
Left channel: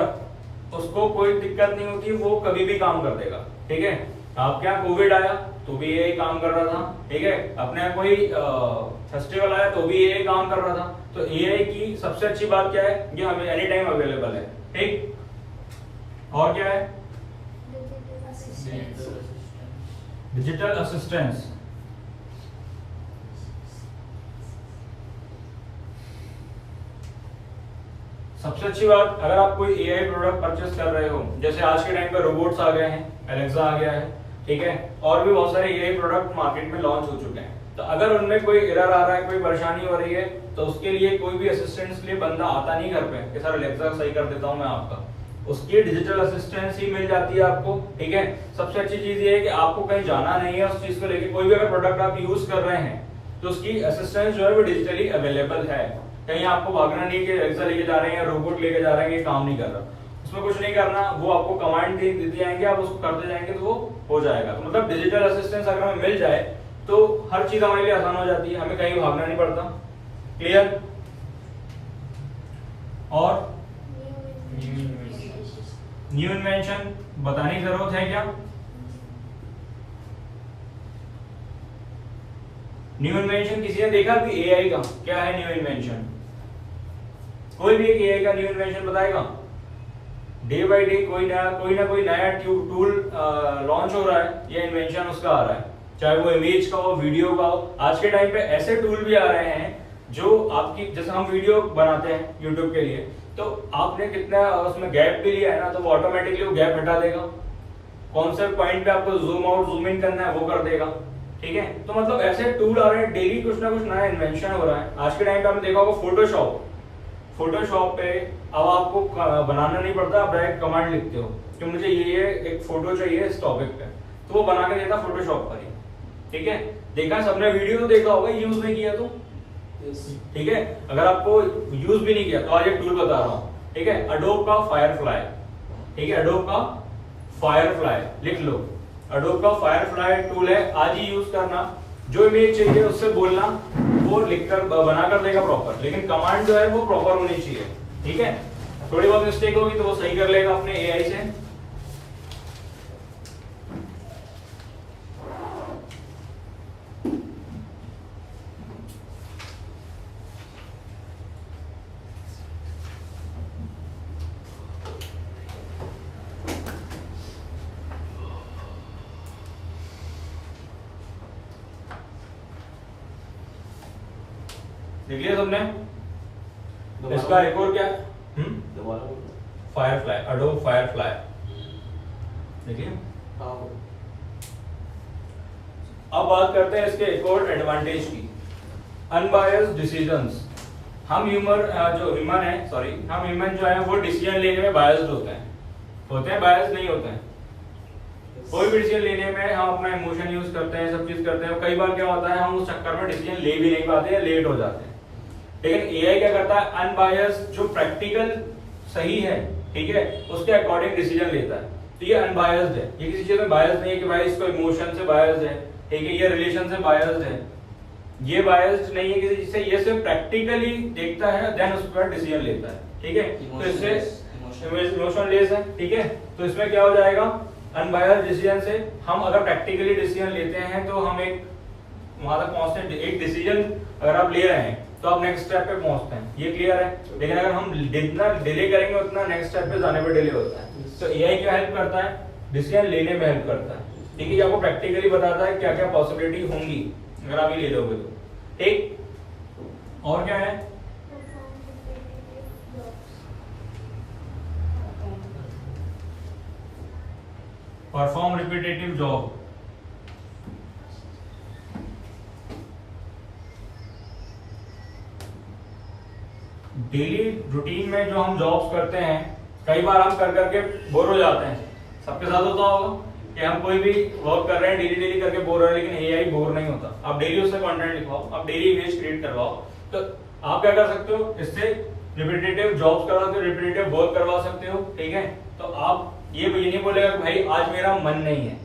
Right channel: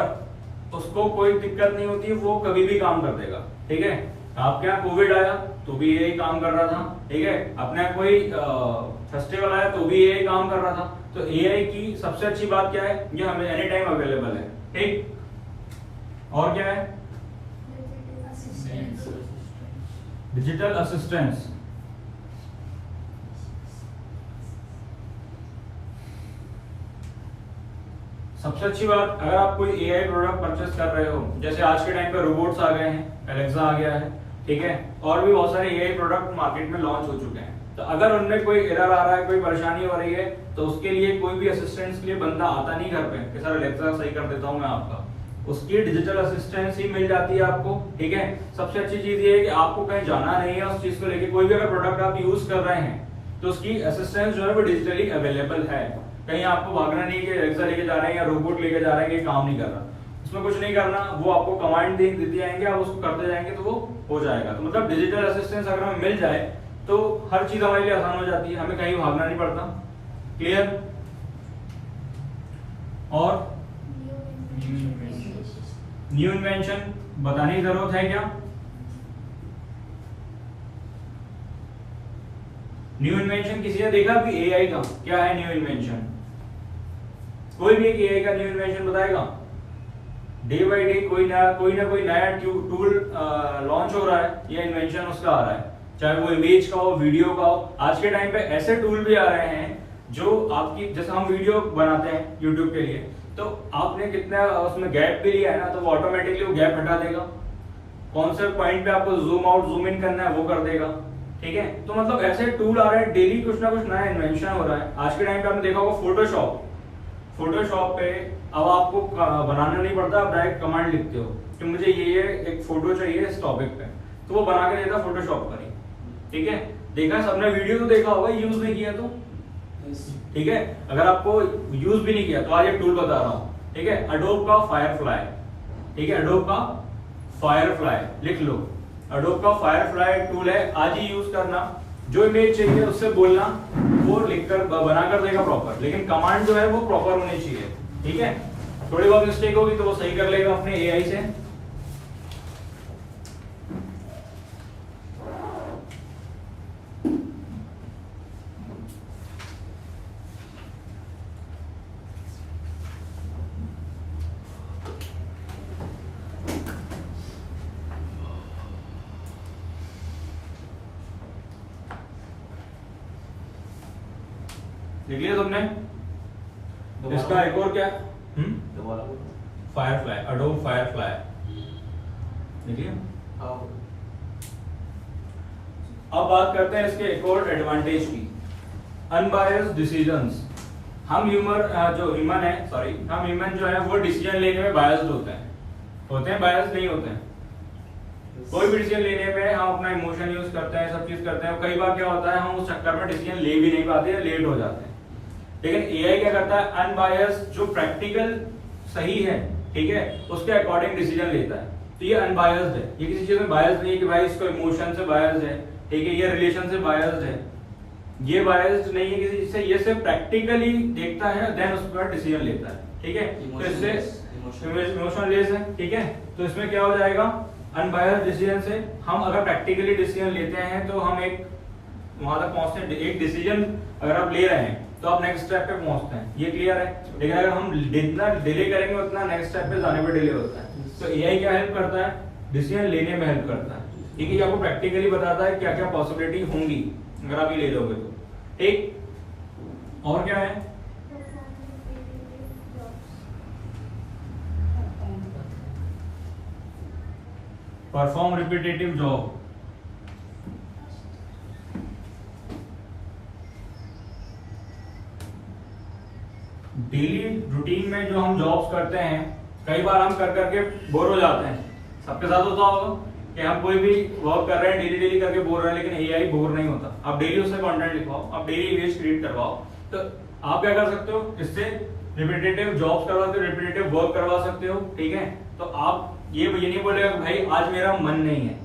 उसको कोई दिक्कत नहीं होती, वो कभी भी काम कर देगा, ठीक है। आपके यहाँ कोविड आया तो भी यही काम कर रहा था, ठीक है। अपने यहाँ कोई फेस्टिवल आया तो भी यही काम कर रहा था। तो एआई की सबसे अच्छी बात क्या है, ये हमें एनी टाइम अवेलेबल है, ठीक। और क्या है? Digital assistance. सबसे अच्छी बात, अगर आप कोई एआई प्रोडक्ट परचेस कर रहे हो, जैसे आज के टाइम पे रोबोट्स आ गए हैं, एलेक्सा आ गया है, ठीक है, और भी बहुत सारे एआई प्रोडक्ट मार्केट में लॉन्च हो चुके हैं। तो अगर उनमें कोई एरर आ रहा है, कोई परेशानी हो रही है, तो उसके लिए कोई भी असिस्टेंस के लिए बंदा आता नहीं घर पे कि सर एलेक्सा सही कर देता हूं मैं आपका, उसकी डिजिटल असिस्टेंस ही मिल जाती है आपको, ठीक है। सबसे अच्छी चीज ये है कि आपको कहीं जाना नहीं है उस चीज को लेके, कोई भी अगर प्रोडक्ट आप यूज कर रहे हैं तो उसकी असिस्टेंस जो है वो डिजिटली अवेलेबल है, कहीं आपको भागना नहीं कि एलेक्सा लेके जा रहे हैं या रोबोट लेके जा रहे हैं कि काम नहीं कर रहा, उसमें कुछ नहीं करना, वो आपको कमांड देते जाएंगे, आप उसको करते जाएंगे तो वो हो जाएगा। तो मतलब डिजिटल असिस्टेंस अगर हमें मिल जाए तो हर चीज हमारे लिए आसान हो जाती है, हमें कहीं भागना नहीं पड़ता। क्लियर? और न्यू इन्वेंशन बताने की जरूरत है क्या? न्यू इन्वेंशन किसी ने देखा कि एआई का क्या है न्यू इन्वेंशन? कोई भी एक एआई का न्यू इन्वेंशन बताएगा? डे बाय डे कोई ना कोई नया टूल लॉन्च हो रहा है या इन्वेंशन उसका आ रहा है, चाहे वो इमेज का हो, वीडियो का हो। आज के टाइम पे ऐसे टूल भी आ रहे हैं जो आपकी, जैसे हम वीडियो बनाते हैं यूट्यूब के लिए, तो आपने कितना उसमें गैप भी लिया है ना, तो वो ऑटोमेटिकली वो गैप हटा देगा, कौन से पॉइंट पे आपको जूम आउट जूम इन करना है वो कर देगा, ठीक है। तो मतलब ऐसे टूल आ रहे हैं, डेली कुछ ना कुछ नया इन्वेंशन हो रहा है। आज के टाइम पे आपने देखा होगा फोटोशॉप पे अब आपको बनाना नहीं पड़ता, आप डायरेक्ट कमांड लिखते हो कि मुझे ये एक फोटो चाहिए इस टॉपिक पे, तो वो बना के देता फोटोशॉप पर ही, ठीक है। देखा है सबने, वीडियो तो देखा होगा, यूज नहीं किया तो ठीक है। अगर आपको यूज भी नहीं किया तो आज एक टूल बता रहा हूं, ठीक है, अडोब का फायरफ्लाई, ठीक है, अडोब का फायरफ्लाई लिख लो, अडोब का फायरफ्लाई टूल है, आज ही यूज करना। जो इमेज चाहिए उससे बोलना, वो लिखकर बनाकर देगा प्रॉपर, लेकिन कमांड जो है वो प्रॉपर होनी चाहिए, ठीक है। थोड़ी बहुत मिस्टेक होगी तो वो सही कर लेगा अपने एआई से। देख लिया तुमने? इसका एक और क्या है? फायरफ्लाई, अडोब फायरफ्लाई, देखिए। अब बात करते हैं इसके एक और एडवांटेज की, अनबायस्ड डिसीजंस। हम ह्यूमन जो है वो डिसीजन लेने में बायस्ड होते हैं बायस्ड नहीं होते हैं। कोई भी डिसीजन लेने में हम अपना इमोशन यूज करते हैं, सब चीज करते हैं, कई बार क्या होता है हम उस चक्कर में डिसीजन ले भी नहीं पाते, लेट हो जाते हैं। लेकिन एआई क्या करता है, अनबायस्ड जो प्रैक्टिकल सही है, ठीक है, उसके अकॉर्डिंग डिसीजन लेता है। तो ये अनबायस्ड है, ये किसी चीज में बायस्ड नहीं है कि भाई इसको इमोशन से बायस्ड है, ठीक है, ये रिलेशन से बायस्ड है, ये बायस्ड नहीं है किसी चीज से, ये सिर्फ प्रैक्टिकली देखता है, देन उसके बाद डिसीजन लेता है, ठीक है। तो इससे इमोशनलेस है, ठीक है। तो इसमें क्या हो जाएगा, अनबायस्ड डिसीजन से हम अगर प्रैक्टिकली डिसीजन लेते हैं तो हम एक वहां तक पहुंचते हैं। एक डिसीजन अगर आप ले रहे हैं तो आप नेक्स्ट स्टेप पे पहुंचते हैं, ये क्लियर है। लेकिन अगर हम जितना डिले करेंगे उतना नेक्स्ट स्टेप पे जाने में डिले होता है। तो एआई क्या हेल्प करता है, डिसीजन लेने में हेल्प करता है, ठीक है। आपको प्रैक्टिकली बताता है क्या क्या पॉसिबिलिटी होंगी अगर आप ये ले लोगे तो, ठीक। और क्या है, perform repetitive job. Daily routine में जो हम जॉब्स करते हैं, कई बार हम कर करके बोर हो जाते हैं, सबके साथ होता होगा कि हम कोई भी वर्क कर रहे हैं डेली करके बोर हो रहे हैं, लेकिन एआई बोर नहीं होता। आप डेली उससे कंटेंट लिखवाओ, आप डेली इमेज क्रिएट करवाओ, तो आप क्या कर सकते हो, इससे रिपीटेटिव जॉब्स करवा सकते हो, रिपीटेटिव वर्क करवा सकते हो, ठीक है। तो आप ये नहीं बोलेगा कि भाई आज मेरा मन नहीं है,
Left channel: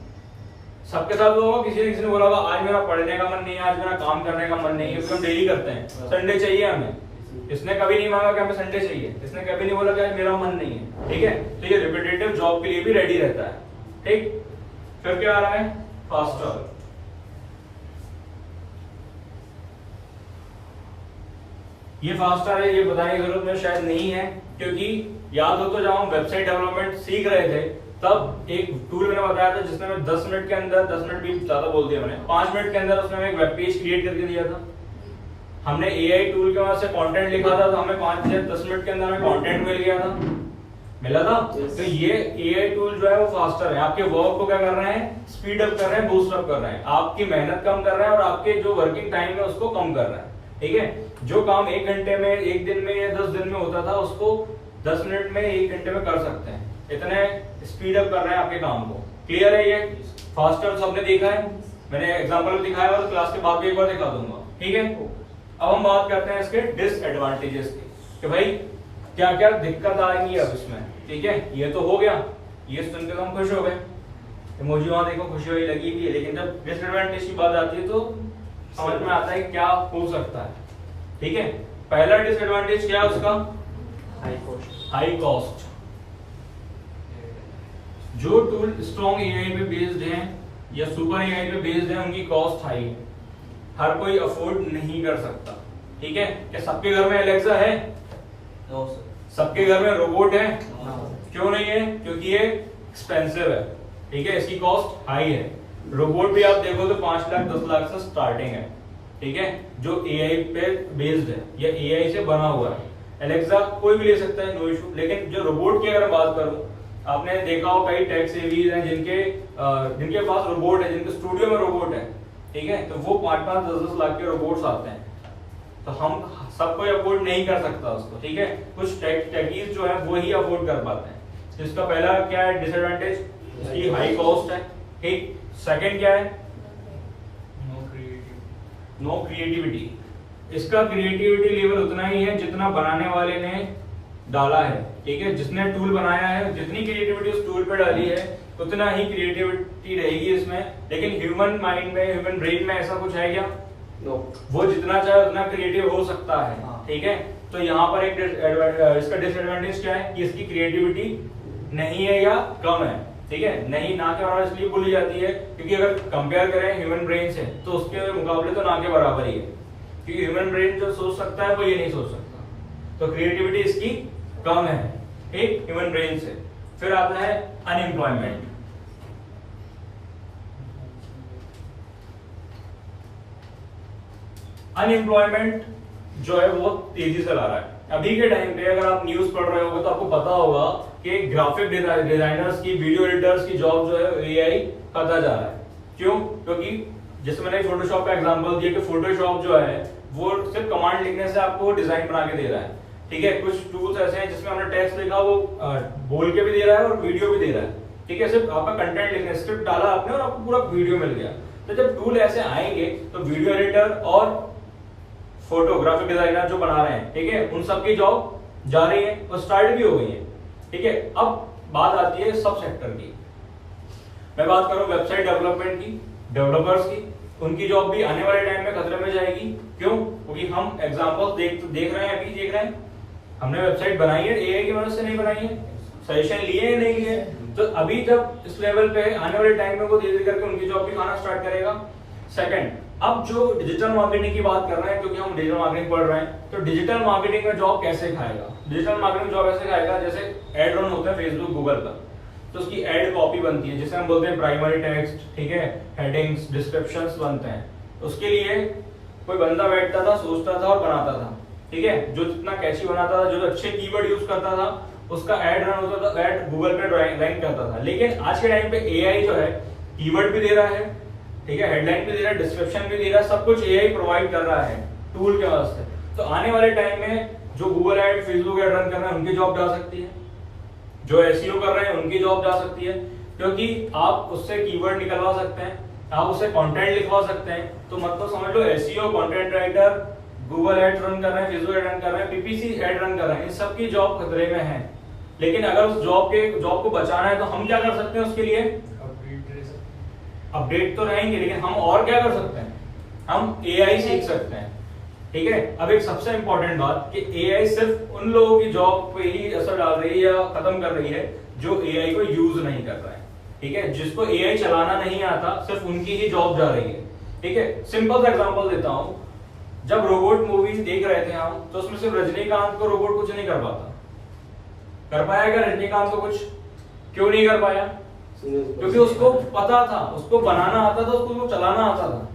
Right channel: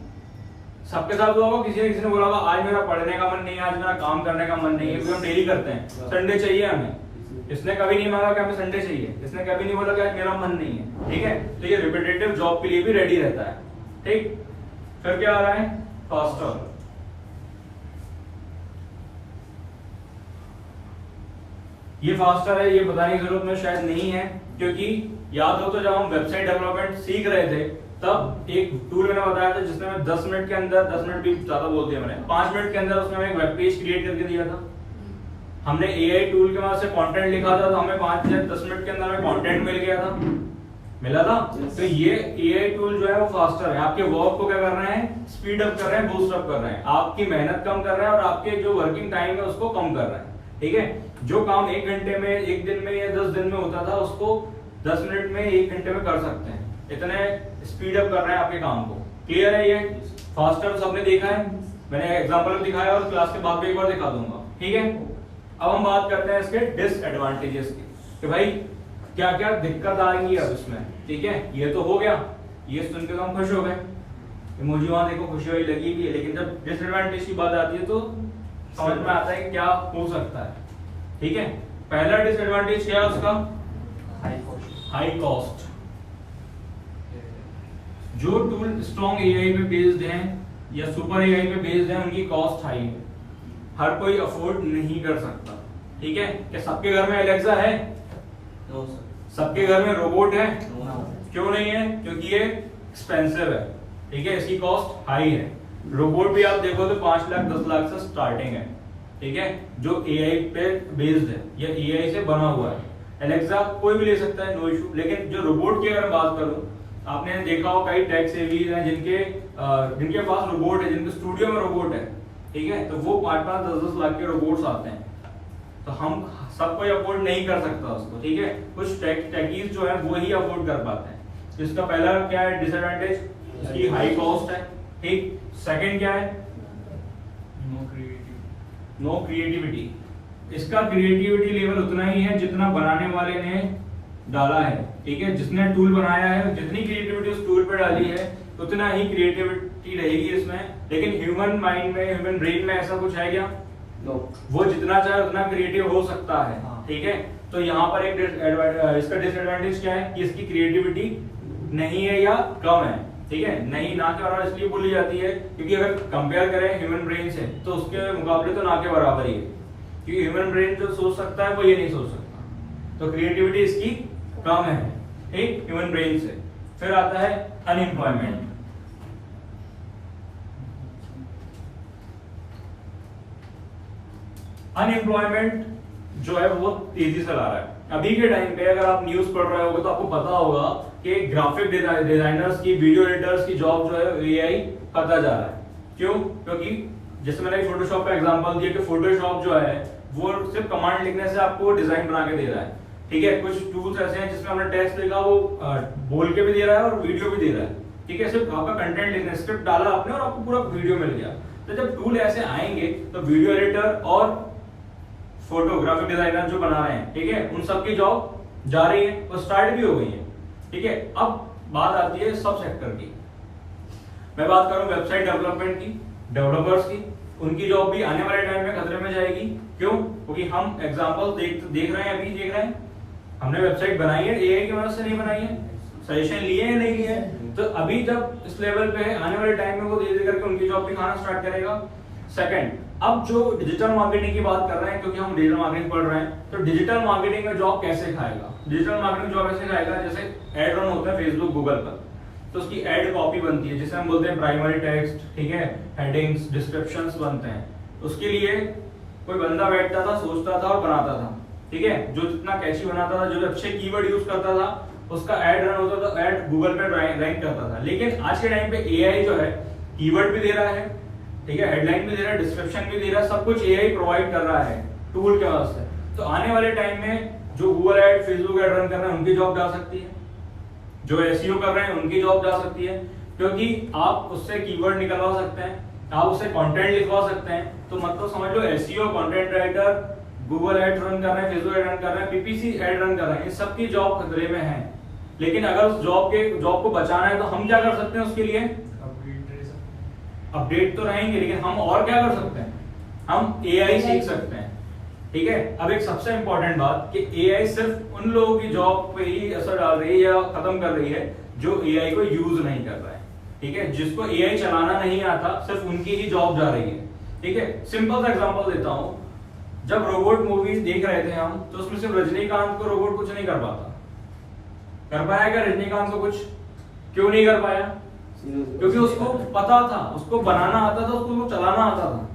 सबके साथ होगा, किसी ने बोला होगा आज मेरा पढ़ने का मन नहीं है, आज मेरा काम करने का मन नहीं है, क्योंकि हम डेली करते हैं, संडे चाहिए हमें। इसने कभी नहीं मांगा कि हमें संडे चाहिए, इसने कभी नहीं बोला कि आज मेरा मन नहीं है, ठीक है। तो ये रिपीटेटिव जॉब के लिए भी रेडी रहता है, ठीक। फिर क्या आ रहा है, फास्टर। ये फास्टर है, ये बताने की जरूरत में शायद नहीं है, क्योंकि याद हो तो जब हम वेबसाइट डेवलपमेंट सीख रहे थे तब एक टूल मैंने बताया था जिसमें मैं 10 मिनट के अंदर, 10 मिनट भी ज्यादा बोल दिया मैंने, 5 मिनट के अंदर उसमें मैं एक वेब पेज क्रिएट करके दिया था, हमने एआई टूल की मदद से कंटेंट लिखा था तो हमें 5 से 10 मिनट के अंदर हमें कंटेंट मिल गया था, मिला था। Yes. तो ये एआई टूल जो है वो फास्टर है, आपके वर्क को क्या कर रहे हैं, स्पीड अप कर रहे हैं, बूस्ट अप कर रहे हैं, आपकी मेहनत कम कर रहे हैं और आपके जो वर्किंग टाइम है उसको कम कर रहे हैं। ठीक है, जो काम 1 घंटे में, 1 दिन में या 10 दिन में होता था उसको 10 मिनट में, 1 घंटे में कर सकते हैं। इतने स्पीड अप कर रहे हैं आपके काम को। क्लियर है? ये फास्टर सबने देखा है, मैंने एग्जांपल भी दिखाया और क्लास के बाद भी एक बार दिखा दूंगा। ठीक है, अब हम बात करते हैं इसके डिसएडवांटेजेस की कि भाई क्या क्या दिक्कत आएंगी अब इसमें। ठीक है, ये तो हो गया, ये सुनकर तो हम खुश हो गए, इमोजी वहां देखो खुशी हुई लगी भी है, लेकिन जब डिसएडवांटेज की बात आती है तो समझ में आता है क्या हो सकता है। ठीक है, पहला डिसएडवांटेज क्या है उसका, हाई कॉस्ट। जो टूल स्ट्रॉन्ग एआई पे बेस्ड हैं या सुपर एआई पे बेस्ड हैं उनकी कॉस्ट हाई है, हर कोई अफोर्ड नहीं कर सकता। ठीक है, क्या सबके घर में एलेक्सा है? No sir. सबके घर में रोबोट है? क्यों नहीं है? क्योंकि ये एक्सपेंसिव है। ठीक है, इसकी कॉस्ट हाई है। रोबोट भी आप देखो तो 5 लाख 10 लाख से स्टार्टिंग है। ठीक है, जो एआई पे बेस्ड है या एआई से बना हुआ है। एलेक्सा कोई भी ले सकता है, नो इशू। लेकिन जो रोबोट की अगर बात करो, आपने देखा हो कई टेक सेवीज हैं जिनके पास रोबोट है, जिनके स्टूडियो में रोबोट है। ठीक है, तो वो 5-5 10-10 लाख के रोबोट्स आते हैं। तो हम सब कोई अफोर्ड नहीं कर सकता उसको। ठीक है, कुछ टेकीज जो है वो ही अफोर्ड कर पाते हैं। तो इसका पहला क्या है डिसएडवांटेज, इसकी हाई कॉस्ट है। ठीक, सेकंड क्या है, नो क्रिएटिविटी। इसका क्रिएटिविटी लेवल उतना ही है जितना बनाने वाले ने डाला है। ठीक है, जिसने टूल बनाया है, जितनी क्रिएटिविटी उस टूल पे डाली है उतना ही क्रिएटिविटी रहेगी इसमें। लेकिन ह्यूमन माइंड में, ह्यूमन ब्रेन में ऐसा कुछ है क्या? नो। वो जितना चाहे उतना क्रिएटिव हो सकता है। ठीक है, तो यहाँ पर एक इसका डिसएडवांटेज क्या है कि इसकी क्रिएटिविटी नहीं है या कम है। ठीक है, नहीं ना के बराबर इसलिए बोली जाती है क्योंकि अगर कंपेयर करें ह्यूमन ब्रेन से तो उसके मुकाबले तो ना के बराबर ही है, क्योंकि ह्यूमन ब्रेन जो सोच सकता है वो ये नहीं सोच सकता। तो क्रिएटिविटी इसकी कम है, ठीक, ह्यूमन ब्रेन से। फिर आता है अनएम्प्लॉयमेंट। अनएम्प्लॉयमेंट जो है वो तेजी से ला रहा है। अभी के टाइम पे अगर आप न्यूज पढ़ रहे होगे तो आपको पता होगा कि ग्राफिक डिजाइनर्स की, वीडियो एडिटर्स की जॉब जो है एआई खाता जा रहा है। क्यों? क्योंकि जैसे मैंने फोटोशॉप का एग्जांपल दिया कि फोटोशॉप जो है वो सिर्फ कमांड लिखने से आपको डिजाइन बना के दे रहा है। ठीक है, कुछ टूल्स ऐसे हैं जिसमें हमने टेक्स्ट लिखा वो बोल के भी दे रहा है और वीडियो भी दे रहा है। ठीक है, सिर्फ आपका कंटेंट लिखना, स्क्रिप्ट डाला आपने और आपको पूरा वीडियो मिल गया। तो जब टूल ऐसे आएंगे तो वीडियो एडिटर और फोटोग्राफिक डिजाइनर जो बना रहे हैं, ठीक है, उन सबकी जॉब जा रही है और स्टार्ट भी हो गई है। ठीक है, अब बात आती है सब सेक्टर की। मैं बात करूं वेबसाइट डेवलपमेंट की, डेवलपर्स की, उनकी जॉब भी आने वाले टाइम में खतरे में जाएगी। क्यों? क्योंकि हम एग्जांपल देख रहे हैं, अभी देख रहे हैं, हमने वेबसाइट बनाई है, एआई की मदद से नहीं बनाई है, सजेशन लिए है नहीं लिए। तो अभी जब इस लेवल पे आने वाले टाइम में वो धीरे धीरे करके उनकी जॉब भी खाना स्टार्ट करेगा। सेकंड, अब जो डिजिटल मार्केटिंग की बात कर रहे हैं, क्योंकि हम डिजिटल मार्केटिंग पढ़ रहे हैं, तो डिजिटल मार्केटिंग में जॉब कैसे खाएगा? डिजिटल मार्केटिंग जॉब ऐसे खाएगा जैसे एड रन होता है फेसबुक, गूगल पर, तो उसकी एड कॉपी बनती है जिसे हम बोलते हैं प्राइमरी टेक्स्ट। ठीक है, हेडिंग्स, डिस्क्रिप्शंस बनते हैं। उसके लिए कोई बंदा बैठता था, सोचता था और बनाता था। ठीक है, जो जितना कैची बनाता था, जो अच्छे कीवर्ड यूज करता था, उसका एड रन होता था, एड गूगल पे रैंक करता था। लेकिन आज के टाइम पे एआई जो है कीवर्ड भी दे रहा है, ठीक है, हेडलाइन भी दे रहा है, डिस्क्रिप्शन भी दे रहा है, सब कुछ एआई प्रोवाइड कर रहा है टूल के वजह से। तो आने वाले टाइम में जो Google ad, Facebook ad run कर रहे हैं उनकी जॉब जा सकती है, जो एसईओ कर रहे हैं उनकी जॉब जा सकती है, क्योंकि आप उससे कीवर्ड निकलवा सकते हैं, आप उससे कंटेंट लिखवा सकते हैं। तो मतलब समझ लो SEO, content writer, Google ad run कर रहे हैं, फेसबुक एड रन कर रहे हैं, पीपीसी एड रन कर रहे हैं, इन सबकी जॉब खतरे में है। लेकिन अगर उस जॉब को बचाना है तो हम क्या कर सकते हैं? उसके लिए अपडेट तो रहेंगे, लेकिन हम और क्या कर सकते हैं? हम एआई सीख सकते हैं। ठीक है, अब एक सबसे इंपॉर्टेंट बात कि एआई सिर्फ उन लोगों की जॉब पे ही असर डाल रही है या खत्म कर रही है जो एआई को यूज नहीं कर रहा है। ठीक है, जिसको एआई चलाना नहीं आता, सिर्फ उनकी ही जॉब जा रही है। ठीक है, सिंपल सा एग्जांपल देता हूं, जब रोबोट मूवीज देख रहे थे हम, तो उसमें सिर्फ रजनीकांत को रोबोट कुछ नहीं कर पाता। कर पाया क्या रजनीकांत को कुछ? क्यों नहीं कर पाया? क्योंकि उसको पता था, उसको बनाना आता था, उसको चलाना आता था।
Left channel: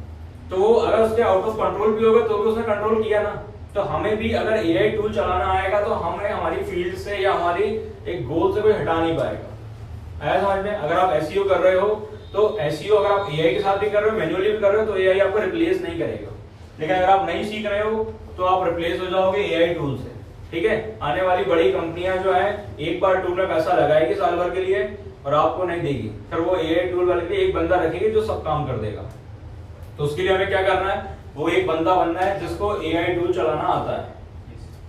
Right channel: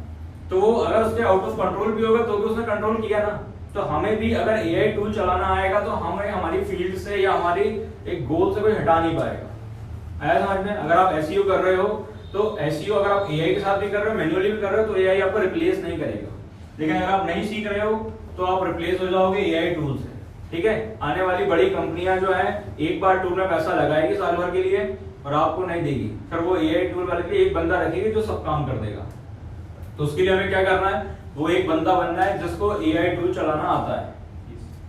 तो वो अगर उसके आउट ऑफ कंट्रोल भी होगा तो भी उसने कंट्रोल किया ना। तो हमें भी अगर एआई टूल चलाना आएगा तो हमें हमारी फील्ड से या हमारी एक गोल से कोई हटा नहीं पाएगा। आया समझ में? अगर आप एसईओ कर रहे हो तो एसईओ अगर आप एआई के साथ भी कर रहे हो, मैन्युअली भी कर रहे हो, तो एआई आपको रिप्लेस नहीं करेगा। लेकिन अगर आप नहीं सीख रहे हो तो आप रिप्लेस हो जाओगे एआई टूल से। ठीक है, आने वाली बड़ी कंपनियां जो है एक बार टूल में पैसा लगाएगी साल भर के लिए और आपको नहीं देगी, फिर वो एआई टूल वाले पे एक बंदा रखेगी जो सब काम कर देगा। तो उसके लिए हमें क्या करना है, वो एक बंदा बनना है जिसको एआई टूल चलाना आता है।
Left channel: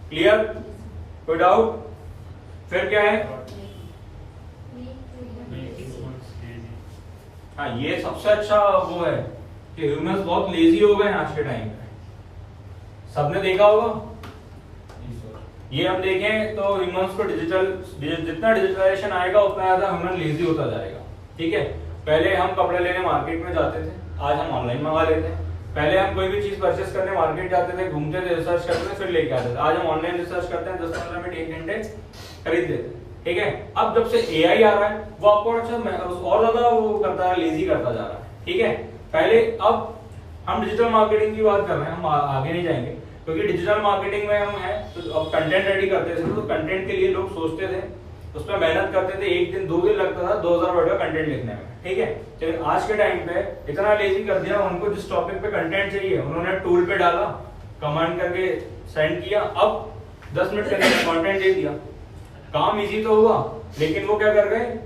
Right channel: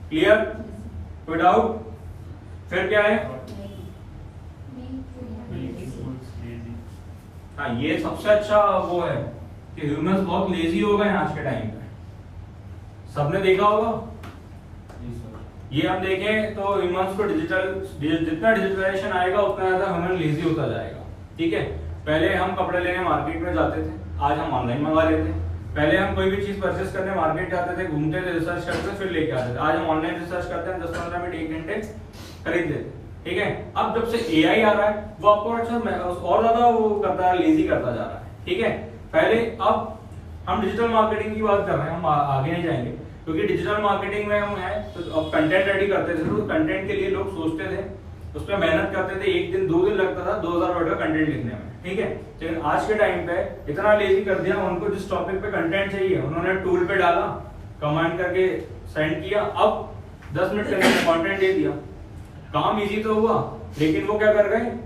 क्लियर? कोई डाउट? फिर क्या है? हाँ, ये सबसे अच्छा वो है कि ह्यूमंस बहुत लेजी हो गए हैं आज के टाइम में। सबने देखा होगा, ये हम देखें तो ह्यूमंस को जितना डिजिटलाइजेशन आएगा उतना ज्यादा ह्यूमन लेजी होता जाएगा। ठीक है, पहले हम कपड़े लेने मार्केट में जाते थे, आज हम ऑनलाइन मंगा लेते हैं। पहले हम कोई भी चीज परचेस करने मार्केट जाते थे, घूमते थे, रिसर्च करते थे, फिर लेके आते थे। आज हम ऑनलाइन रिसर्च करते हैं, 10-15 मिनट 1 घंटे खरीद लेते हैं। ठीक है, अब जब से एआई आ रहा है वो आपको और ज्यादा वो करता है, लेजी करता जा रहा है। ठीक है, पहले अब हम डिजिटल मार्केटिंग की बात कर रहे हैं, हम आगे नहीं जाएंगे क्योंकि डिजिटल मार्केटिंग में हम हैं तो अब कंटेंट रेडी करते थे, तो कंटेंट के लिए लोग सोचते थे, उसमें मेहनत करते थे, 1 दिन 2 दिन लगता था 2000 वर्ड का कंटेंट लिखने में। ठीक है, लेकिन आज के टाइम पे इतना लेजी कर दिया, उनको जिस टॉपिक पे कंटेंट चाहिए उन्होंने टूल पे डाला, कमांड करके सेंड किया, अब 10 मिनट के अंदर कंटेंट दे दिया। काम इजी तो हुआ, लेकिन वो क्या कर गए,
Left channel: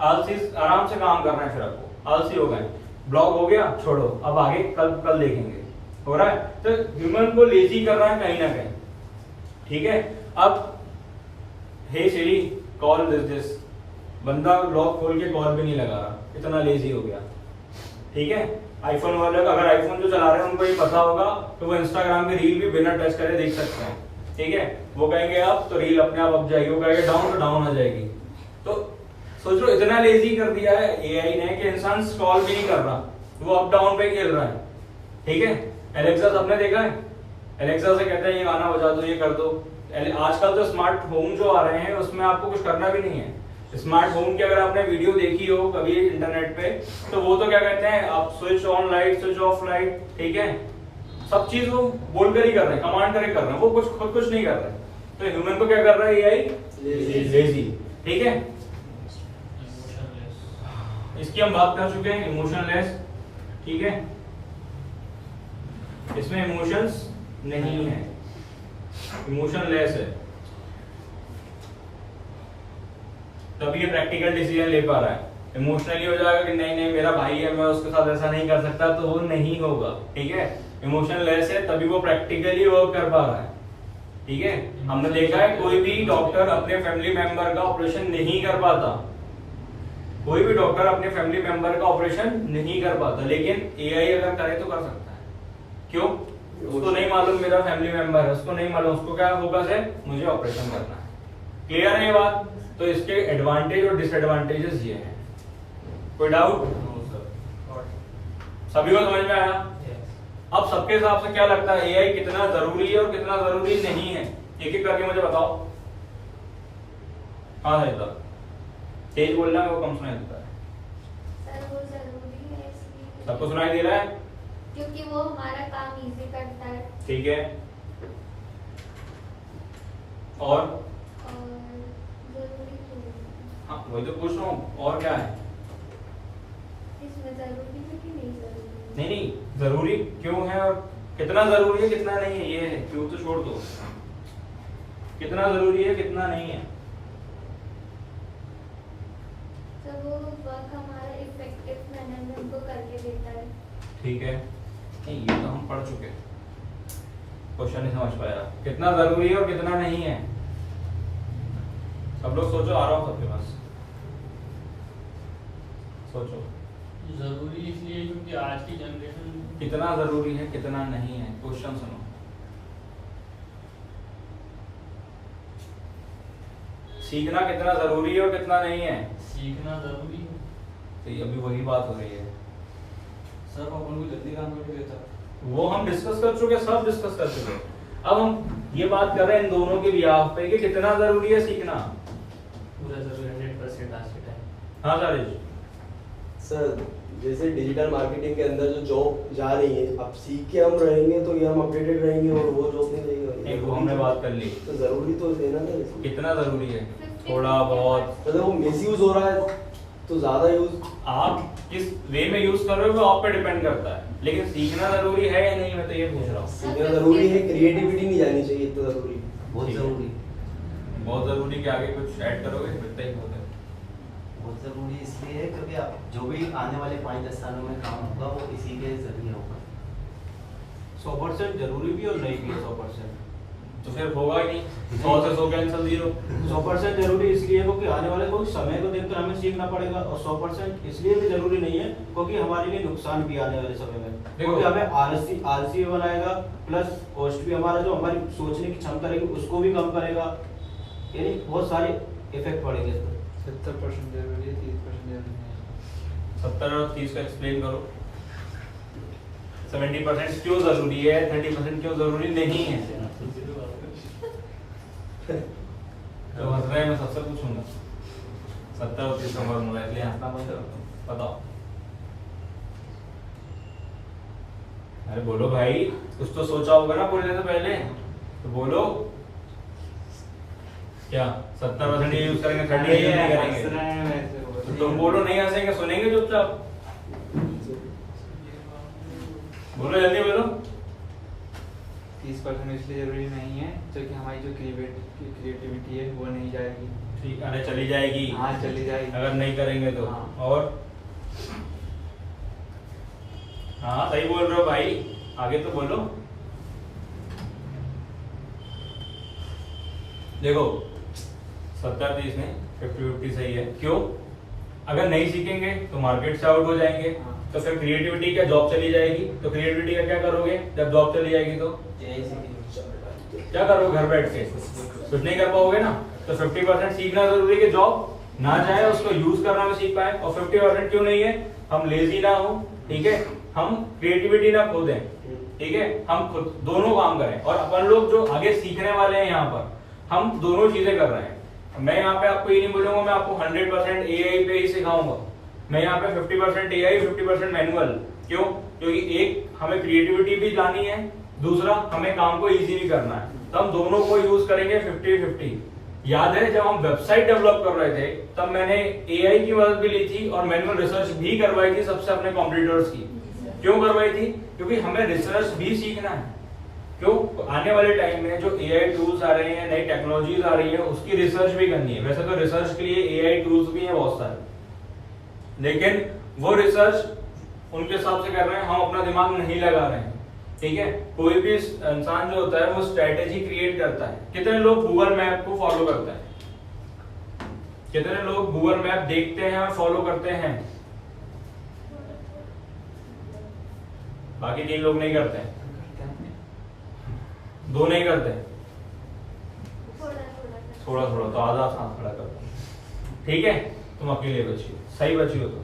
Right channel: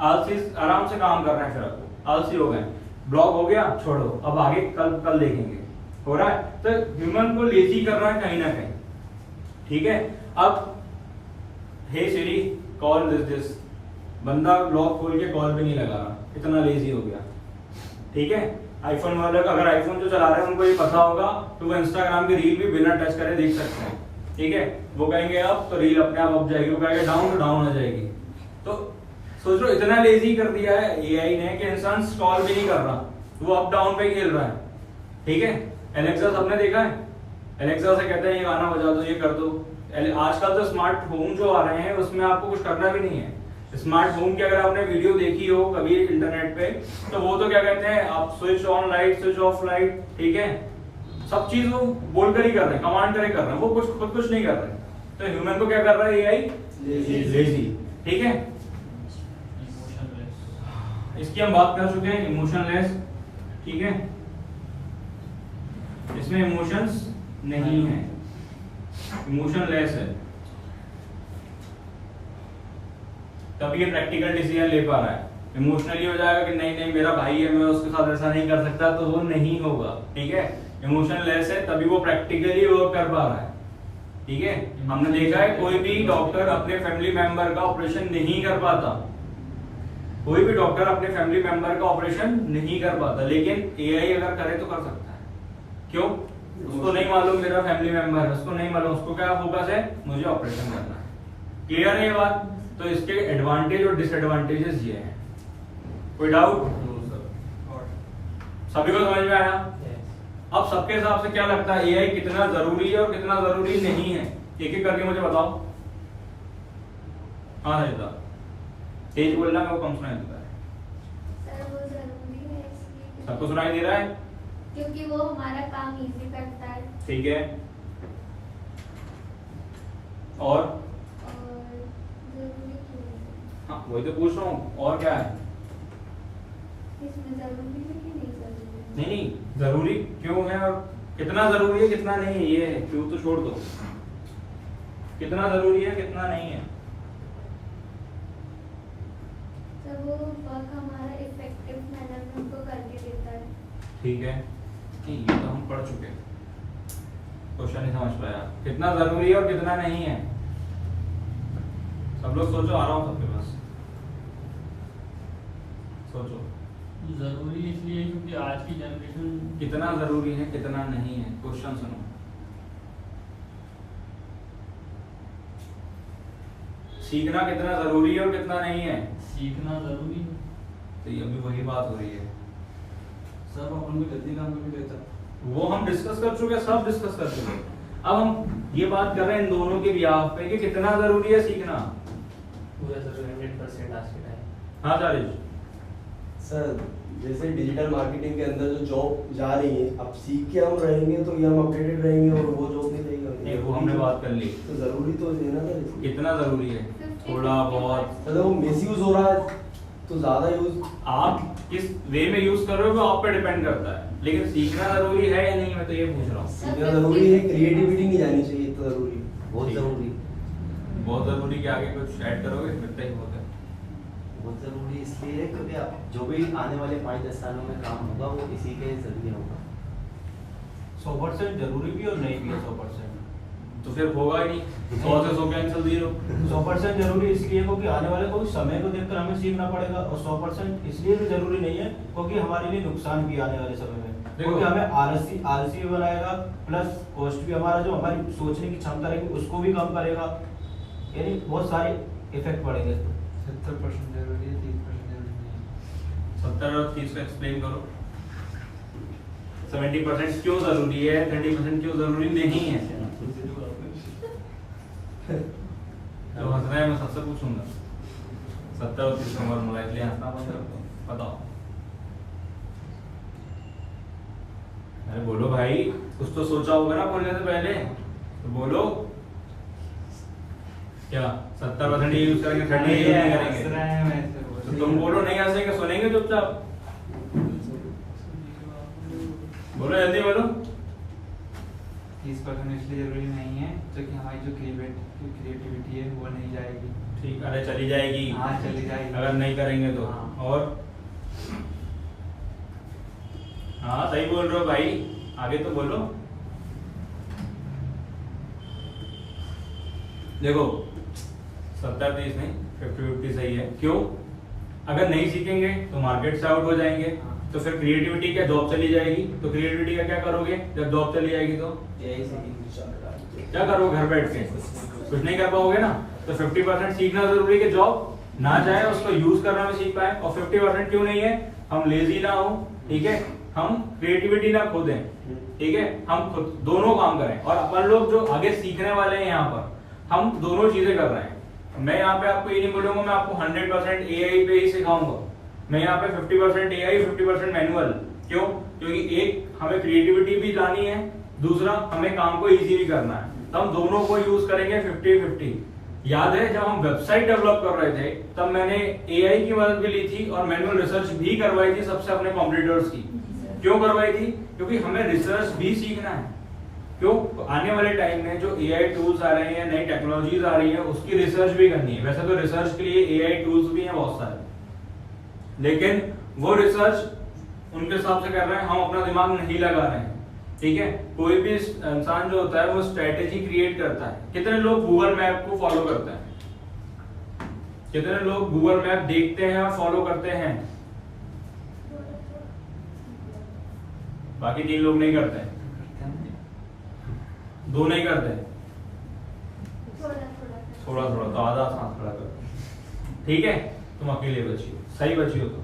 आलसी, आराम से काम कर रहे हैं, फिर आपको आलसी हो गए। ब्लॉग हो गया, छोड़ो, अब आगे कल देखेंगे, हो रहा है। तो ह्यूमन को लेजी कर रहा है कहीं ना कहीं। ठीक है, अब हे सिरी कॉल दिस, बंदा लॉक खोल के कॉल भी नहीं लगा रहा, इतना लेजी हो गया। ठीक है, आईफोन वाले अगर आईफोन जो चला रहे हैं उनको ये पता होगा तो वो इंस्टाग्राम की रील भी बिना टच करे देख सकते हैं। ठीक है, वो कहेंगे अप तो रील अपने आप अप जाएगी, वो कहेंगे डाउन तो डाउन आ जाएगी। तो सोच लो इतना लेजी कर दिया है एआई ने कि इंसान स्क्रॉल भी नहीं कर रहा, वो अप डाउन पे खेल रहा है। ठीक है, एलेक्सा सबने देखा है, एलेक्सा से कहते हैं ये गाना बजा दो, ये कर दो। आजकल तो स्मार्ट होम जो आ रहे हैं उसमें आपको कुछ करना भी नहीं है। स्मार्ट होम की अगर आपने वीडियो देखी हो कभी इंटरनेट पे, तो वो तो क्या कहते हैं, आप switch on light, switch off light, ठीक है, सब चीज वो बोलकर ही कर रहे हैं, कमांड करके कर रहे हैं, वो खुद कुछ नहीं कर रहे। तो ह्यूमन को क्या कर रहा है एआई, लेजी। ठीक है, इसकी हम बात कर चुके हैं, इमोशनलेस। ठीक है, इसमें इमोशंस नहीं है, इमोशनलेस है, तभी ये प्रैक्टिकल डिसीजन ले पा रहा है। इमोशनली हो जाएगा कि नहीं नहीं मेरा भाई है, मैं उसके साथ ऐसा नहीं कर सकता, तो वो नहीं होगा। ठीक है, इमोशनलेस है तभी वो प्रैक्टिकली वर्क कर पा रहा है। ठीक है, हमने देखा है कोई भी डॉक्टर अपने फैमिली मेंबर का ऑपरेशन नहीं कर पाता, कोई भी डॉक्टर अपने फैमिली मेंबर का ऑपरेशन नहीं कर पाता, लेकिन एआई अगर करे तो कर सकता है। क्यों? उसको नहीं मालूम मेरा फैमिली मेंबर है, उसको नहीं मालूम, उसको क्या फोकस है, मुझे ऑपरेशन करना है। क्लियर है ये बात? तो इसके एडवांटेज और डिसएडवांटेजेस ये हैं। कोई डाउट? सभी को समझ में आया? अब सबके हिसाब से क्या लगता है एआई कितना जरूरी है और कितना जरूरी नहीं है, एक एक करके मुझे बताओ। हाँ है, तेज बोलना है, वो कम सुनाई देता है। सर वो जरूरी है इसलिए सबको सुनाई दे रहा है? क्योंकि वो हमारा काम इजी करता है। ठीक है, और जरूरी तो नहीं। हाँ वही तो पूछ रहा हूँ, और क्या है? इसमें जरूरी है कि नहीं जरूरी? नहीं नहीं, जरूरी क्यों है और कितना जरूरी है कितना नहीं है, ये है, क्यों तो छोड़ दो, कितना जरूरी है कितना नहीं है। सर वो वर्क हमारा इफेक्टिव मैनर में उनको करके देता है। ठीक है, नहीं ये तो हम पढ़ चुके हैं, क्वेश्चन नहीं समझ पाया, कितना जरूरी है और कितना नहीं है। सब लोग सोचो, आ रहा हूँ सबके पास, सोचो जरूरी इसलिए क्योंकि आज की जनरेशन कितना जरूरी है कितना नहीं है। क्वेश्चन सुनो, सीखना कितना जरूरी है और कितना नहीं है। सीखना जरूरी है। तो ये अभी वही बात हो रही है, सर अपन को जल्दी काम करके देता है। वो हम डिस्कस कर चुके, सब डिस्कस कर चुके। अब हम ये बात कर रहे हैं इन दोनों के लिए पे कि कितना जरूरी है सीखना। पूरा जरूरी 100% आज के टाइम। हाँ चारिश, सर जैसे डिजिटल मार्केटिंग के अंदर जो जॉब जा रही है, अब सीख के हम रहेंगे तो ये हम अपडेटेड रहेंगे और वो जॉब नहीं रहेगी। नहीं, वो हमने बात कर ली। तो जरूरी तो है ना सर, कितना जरूरी है? थोड़ा बहुत। मतलब वो मिसयूज हो रहा है तो ज्यादा यूज, आप किस वे में यूज कर रहे हो वो आप पे डिपेंड करता है, लेकिन सीखना जरूरी है या नहीं, मैं तो ये पूछ रहा हूँ। सीखना जरूरी है, क्रिएटिविटी नहीं जानी चाहिए, इतना जरूरी है, बहुत जरूरी है। बहुत जरूरी के आगे कुछ ऐड करोगे? इतना ही बहुत है। बहुत ज़रूरी इसलिए है क्योंकि अब जो भी आने वाले 5-10 सालों में काम होगा वो इसी के जरिए होगा। 100% जरूरी भी और नहीं भी है 100%। तो फिर होगा ही नहीं, 100 से 100 कैंसिल 0। 100% जरूरी इसलिए है क्योंकि आने वाले कोई समय को देखकर हमें सीखना पड़ेगा, और 100% इसलिए भी जरूरी नहीं है क्योंकि हमारे लिए नुकसान भी आने वाले समय में, क्योंकि हमें आलसी भी बनाएगा, प्लस कॉस्ट भी हमारा जो हमारी सोचने की क्षमता रहेगी उसको भी कम करेगा, यानी बहुत सारे इफेक्ट पड़ेंगे इसमें। 70% जरूरी है, 30% जरूरी नहीं। 70 और 30 का एक्सप्लेन करो। 70% क्यों जरूरी है, 30% क्यों जरूरी नहीं है? तो हंस रहे हैं, मैं सबसे पूछूंगा। 70 और 30 नंबर मोबाइल के लिए हंसना बंद कर दो, बताओ। अरे बोलो भाई, कुछ तो सोचा होगा ना बोलने से पहले, तो बोलो। क्या 70% ही यूज करेंगे, 30 यूज नहीं करेंगे? तो तुम बोलो, नहीं हंसेंगे, सुनेंगे चुपचाप। बोलो, जल्दी बोलो। 30% इसलिए जरूरी नहीं है क्योंकि हमारी जो क्रिएटिविटी है वो नहीं जाएगी। ठीक, अरे चली जाएगी। हाँ, चली जाएगी अगर नहीं करेंगे तो। हाँ। और हाँ, सही बोल रहे हो भाई, आगे तो बोलो। देखो 70-30 नहीं, 50-50 सही है। क्यों? अगर नहीं सीखेंगे तो मार्केट से आउट हो जाएंगे, तो फिर क्रिएटिविटी क्या जॉब चली जाएगी, तो क्रिएटिविटी का क्या करोगे जब जॉब चली जाएगी? तो क्या करोगे घर बैठ के? कुछ नहीं कर पाओगे ना। तो 50% सीखना जरूरी है कि जॉब ना जाए, उसको यूज करना भी सीख पाए। और 50% क्यों नहीं है? हम लेजी ना हो, ठीक है, हम क्रिएटिविटी ना खो दें, ठीक है, हम खुद दोनों काम करें। और अपन लोग जो आगे सीखने वाले हैं यहाँ पर, हम दोनों चीजें कर रहे हैं। मैं यहाँ पे आपको ये नहीं बोलूंगा मैं आपको 100% एआई पे ही सिखाऊंगा। मैं यहाँ पे 50% एआई 50% मैनुअल। क्यों? क्योंकि एक हमें क्रिएटिविटी भी लानी है, दूसरा हमें काम को इजी भी करना है, तो हम दोनों को यूज करेंगे 50-50। याद है जब हम वेबसाइट डेवलप कर रहे थे तब मैंने एआई की मदद भी ली थी और मैनुअल रिसर्च भी करवाई थी सबसे अपने कॉम्पिटिटर्स की। क्यों करवाई थी? क्योंकि हमें रिसर्च भी सीखना है। क्यों? आने वाले टाइम में जो एआई टूल्स आ रहे हैं, नई टेक्नोलॉजीज आ रही है, उसकी रिसर्च भी करनी है। वैसे तो रिसर्च के लिए एआई टूल्स भी हैं बहुत सारे, लेकिन वो रिसर्च उनके हिसाब से कर रहे हैं, हम अपना दिमाग नहीं लगा रहे हैं, ठीक है। कोई भी इंसान जो होता है वो स्ट्रेटेजी क्रिएट करता है। कितने लोग गूगल मैप को फॉलो करते हैं? कितने लोग गूगल मैप देखते हैं और फॉलो करते हैं? बाकी 3 लोग नहीं करते हैं, 2 नहीं करते, थोड़ा थोड़ा तो आधा साथ खड़ा करते हैं, ठीक है। तुम अकेले बची हो, सही बची हो। तो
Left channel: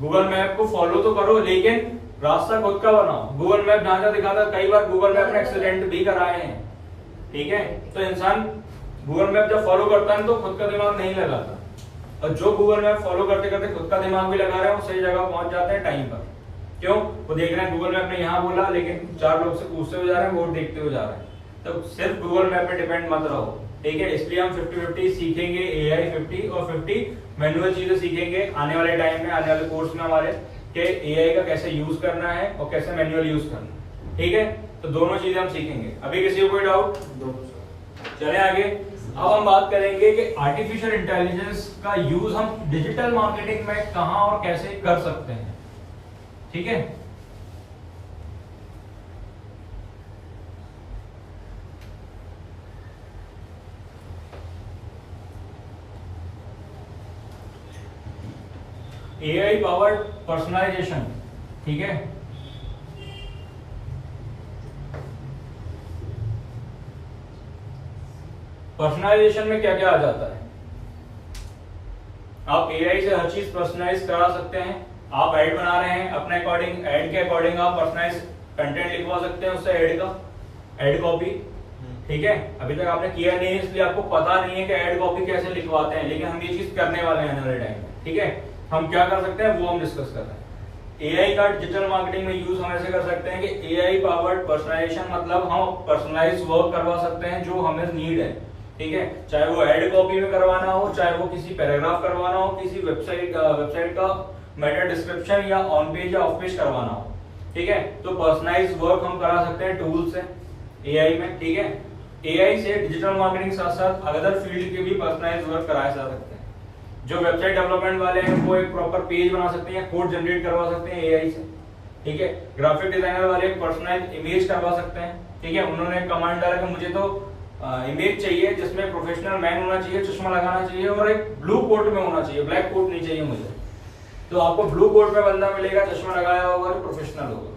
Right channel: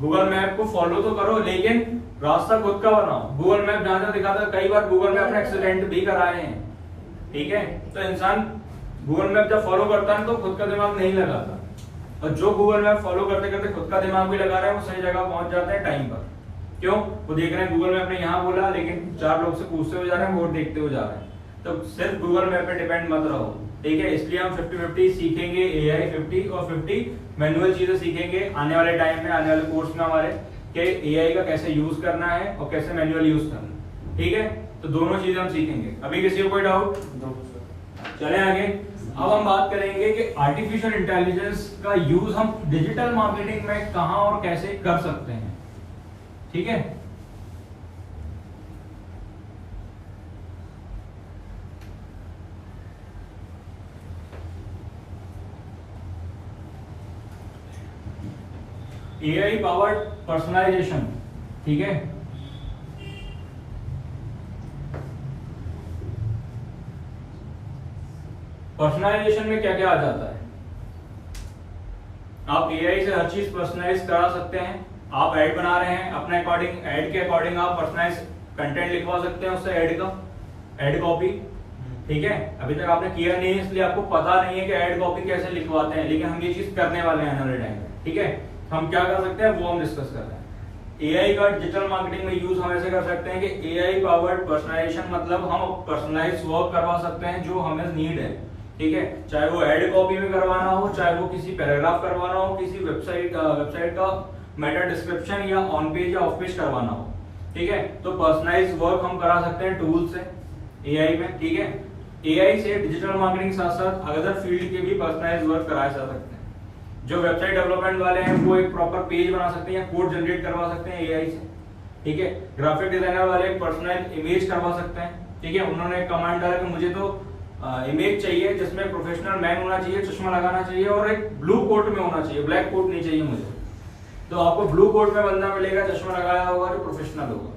गूगल मैप को फॉलो तो करो, लेकिन रास्ता खुद का बनाओ। गूगल मैप जहां जहां दिखाता है, कई बार गूगल मैप ने एक्सीडेंट भी कराए हैं, ठीक है। तो इंसान गूगल मैप जब फॉलो करता है तो खुद का दिमाग नहीं लगाता, और जो गूगल मैप फॉलो करते करते खुद का दिमाग भी लगा रहा है वो सही जगह पहुंच जाते हैं टाइम पर। क्यों? वो देख रहे हैं गूगल मैप ने यहाँ बोला, लेकिन 4 लोग से पूछते हुए जा रहे हैं, वोट देखते हुए जा रहे हैं। तो सिर्फ गूगल मैप पे डिपेंड मत रहो, ठीक है। इसलिए हम 50-50 सीखेंगे, एआई 50 और 50 मैनुअल चीजें सीखेंगे आने वाले टाइम में, आने वाले कोर्स में हमारे, कि एआई का कैसे यूज करना है और कैसे मैनुअल यूज करना है, ठीक है। तो दोनों चीजें हम सीखेंगे। अभी किसी को कोई डाउट? चले आगे। अब हम बात करेंगे कि आर्टिफिशियल इंटेलिजेंस का यूज हम डिजिटल मार्केटिंग में कहां और कैसे कर सकते हैं, ठीक है। एआई पावर्ड पर्सनलाइजेशन, ठीक है। पर्सनलाइजेशन में क्या क्या आ जाता है? आप एआई से हर चीज पर्सनलाइज करा सकते हैं। आप ऐड बना रहे हैं, अपने अकॉर्डिंग, ऐड के अकॉर्डिंग आप पर्सनलाइज कंटेंट लिखवा सकते हैं उससे, ऐड का, ऐड कॉपी, ठीक है। अभी तक आपने किया नहीं इसलिए आपको पता नहीं है कि ऐड कॉपी कैसे लिखवाते हैं, लेकिन हम ये चीज करने वाले हैं आने वाले टाइम में, ठीक है। हम क्या कर सकते हैं वो हम डिस्कस कर रहे हैं। एआई का डिजिटल मार्केटिंग में यूज हम ऐसे कर सकते हैं कि एआई पावर्ड पर्सनलाइजेशन, मतलब हम पर्सनलाइज वर्क करवा सकते हैं जो हमें नीड है, ठीक है, चाहे वो एड कॉपी में करवाना हो, चाहे वो किसी पैराग्राफ करवाना हो, किसी वेबसाइट का मेटा डिस्क्रिप्शन या ऑन पेज या ऑफ पेज करवाना हो, ठीक है। तो पर्सनलाइज वर्क हम करा सकते हैं टूल से एआई में, ठीक है। एआई से डिजिटल मार्केटिंग साथ साथ अदर फील्ड के भी पर्सनलाइज वर्क कराए जा सकते हैं। जो वेबसाइट डेवलपमेंट वाले हैं वो एक प्रॉपर पेज बना सकते हैं, कोड जनरेट करवा सकते हैं एआई से, ठीक है। ग्राफिक डिजाइनर वाले पर्सनलाइज इमेज करवा सकते हैं, ठीक है। उन्होंने कमांड डाला कि मुझे तो इमेज चाहिए जिसमें प्रोफेशनल मैन होना चाहिए, चश्मा लगाना चाहिए और एक ब्लू कोट में होना चाहिए, ब्लैक कोट नहीं चाहिए मुझे। तो आपको ब्लू कोट में बंदा मिलेगा, चश्मा लगाया होगा, जो प्रोफेशनल होगा।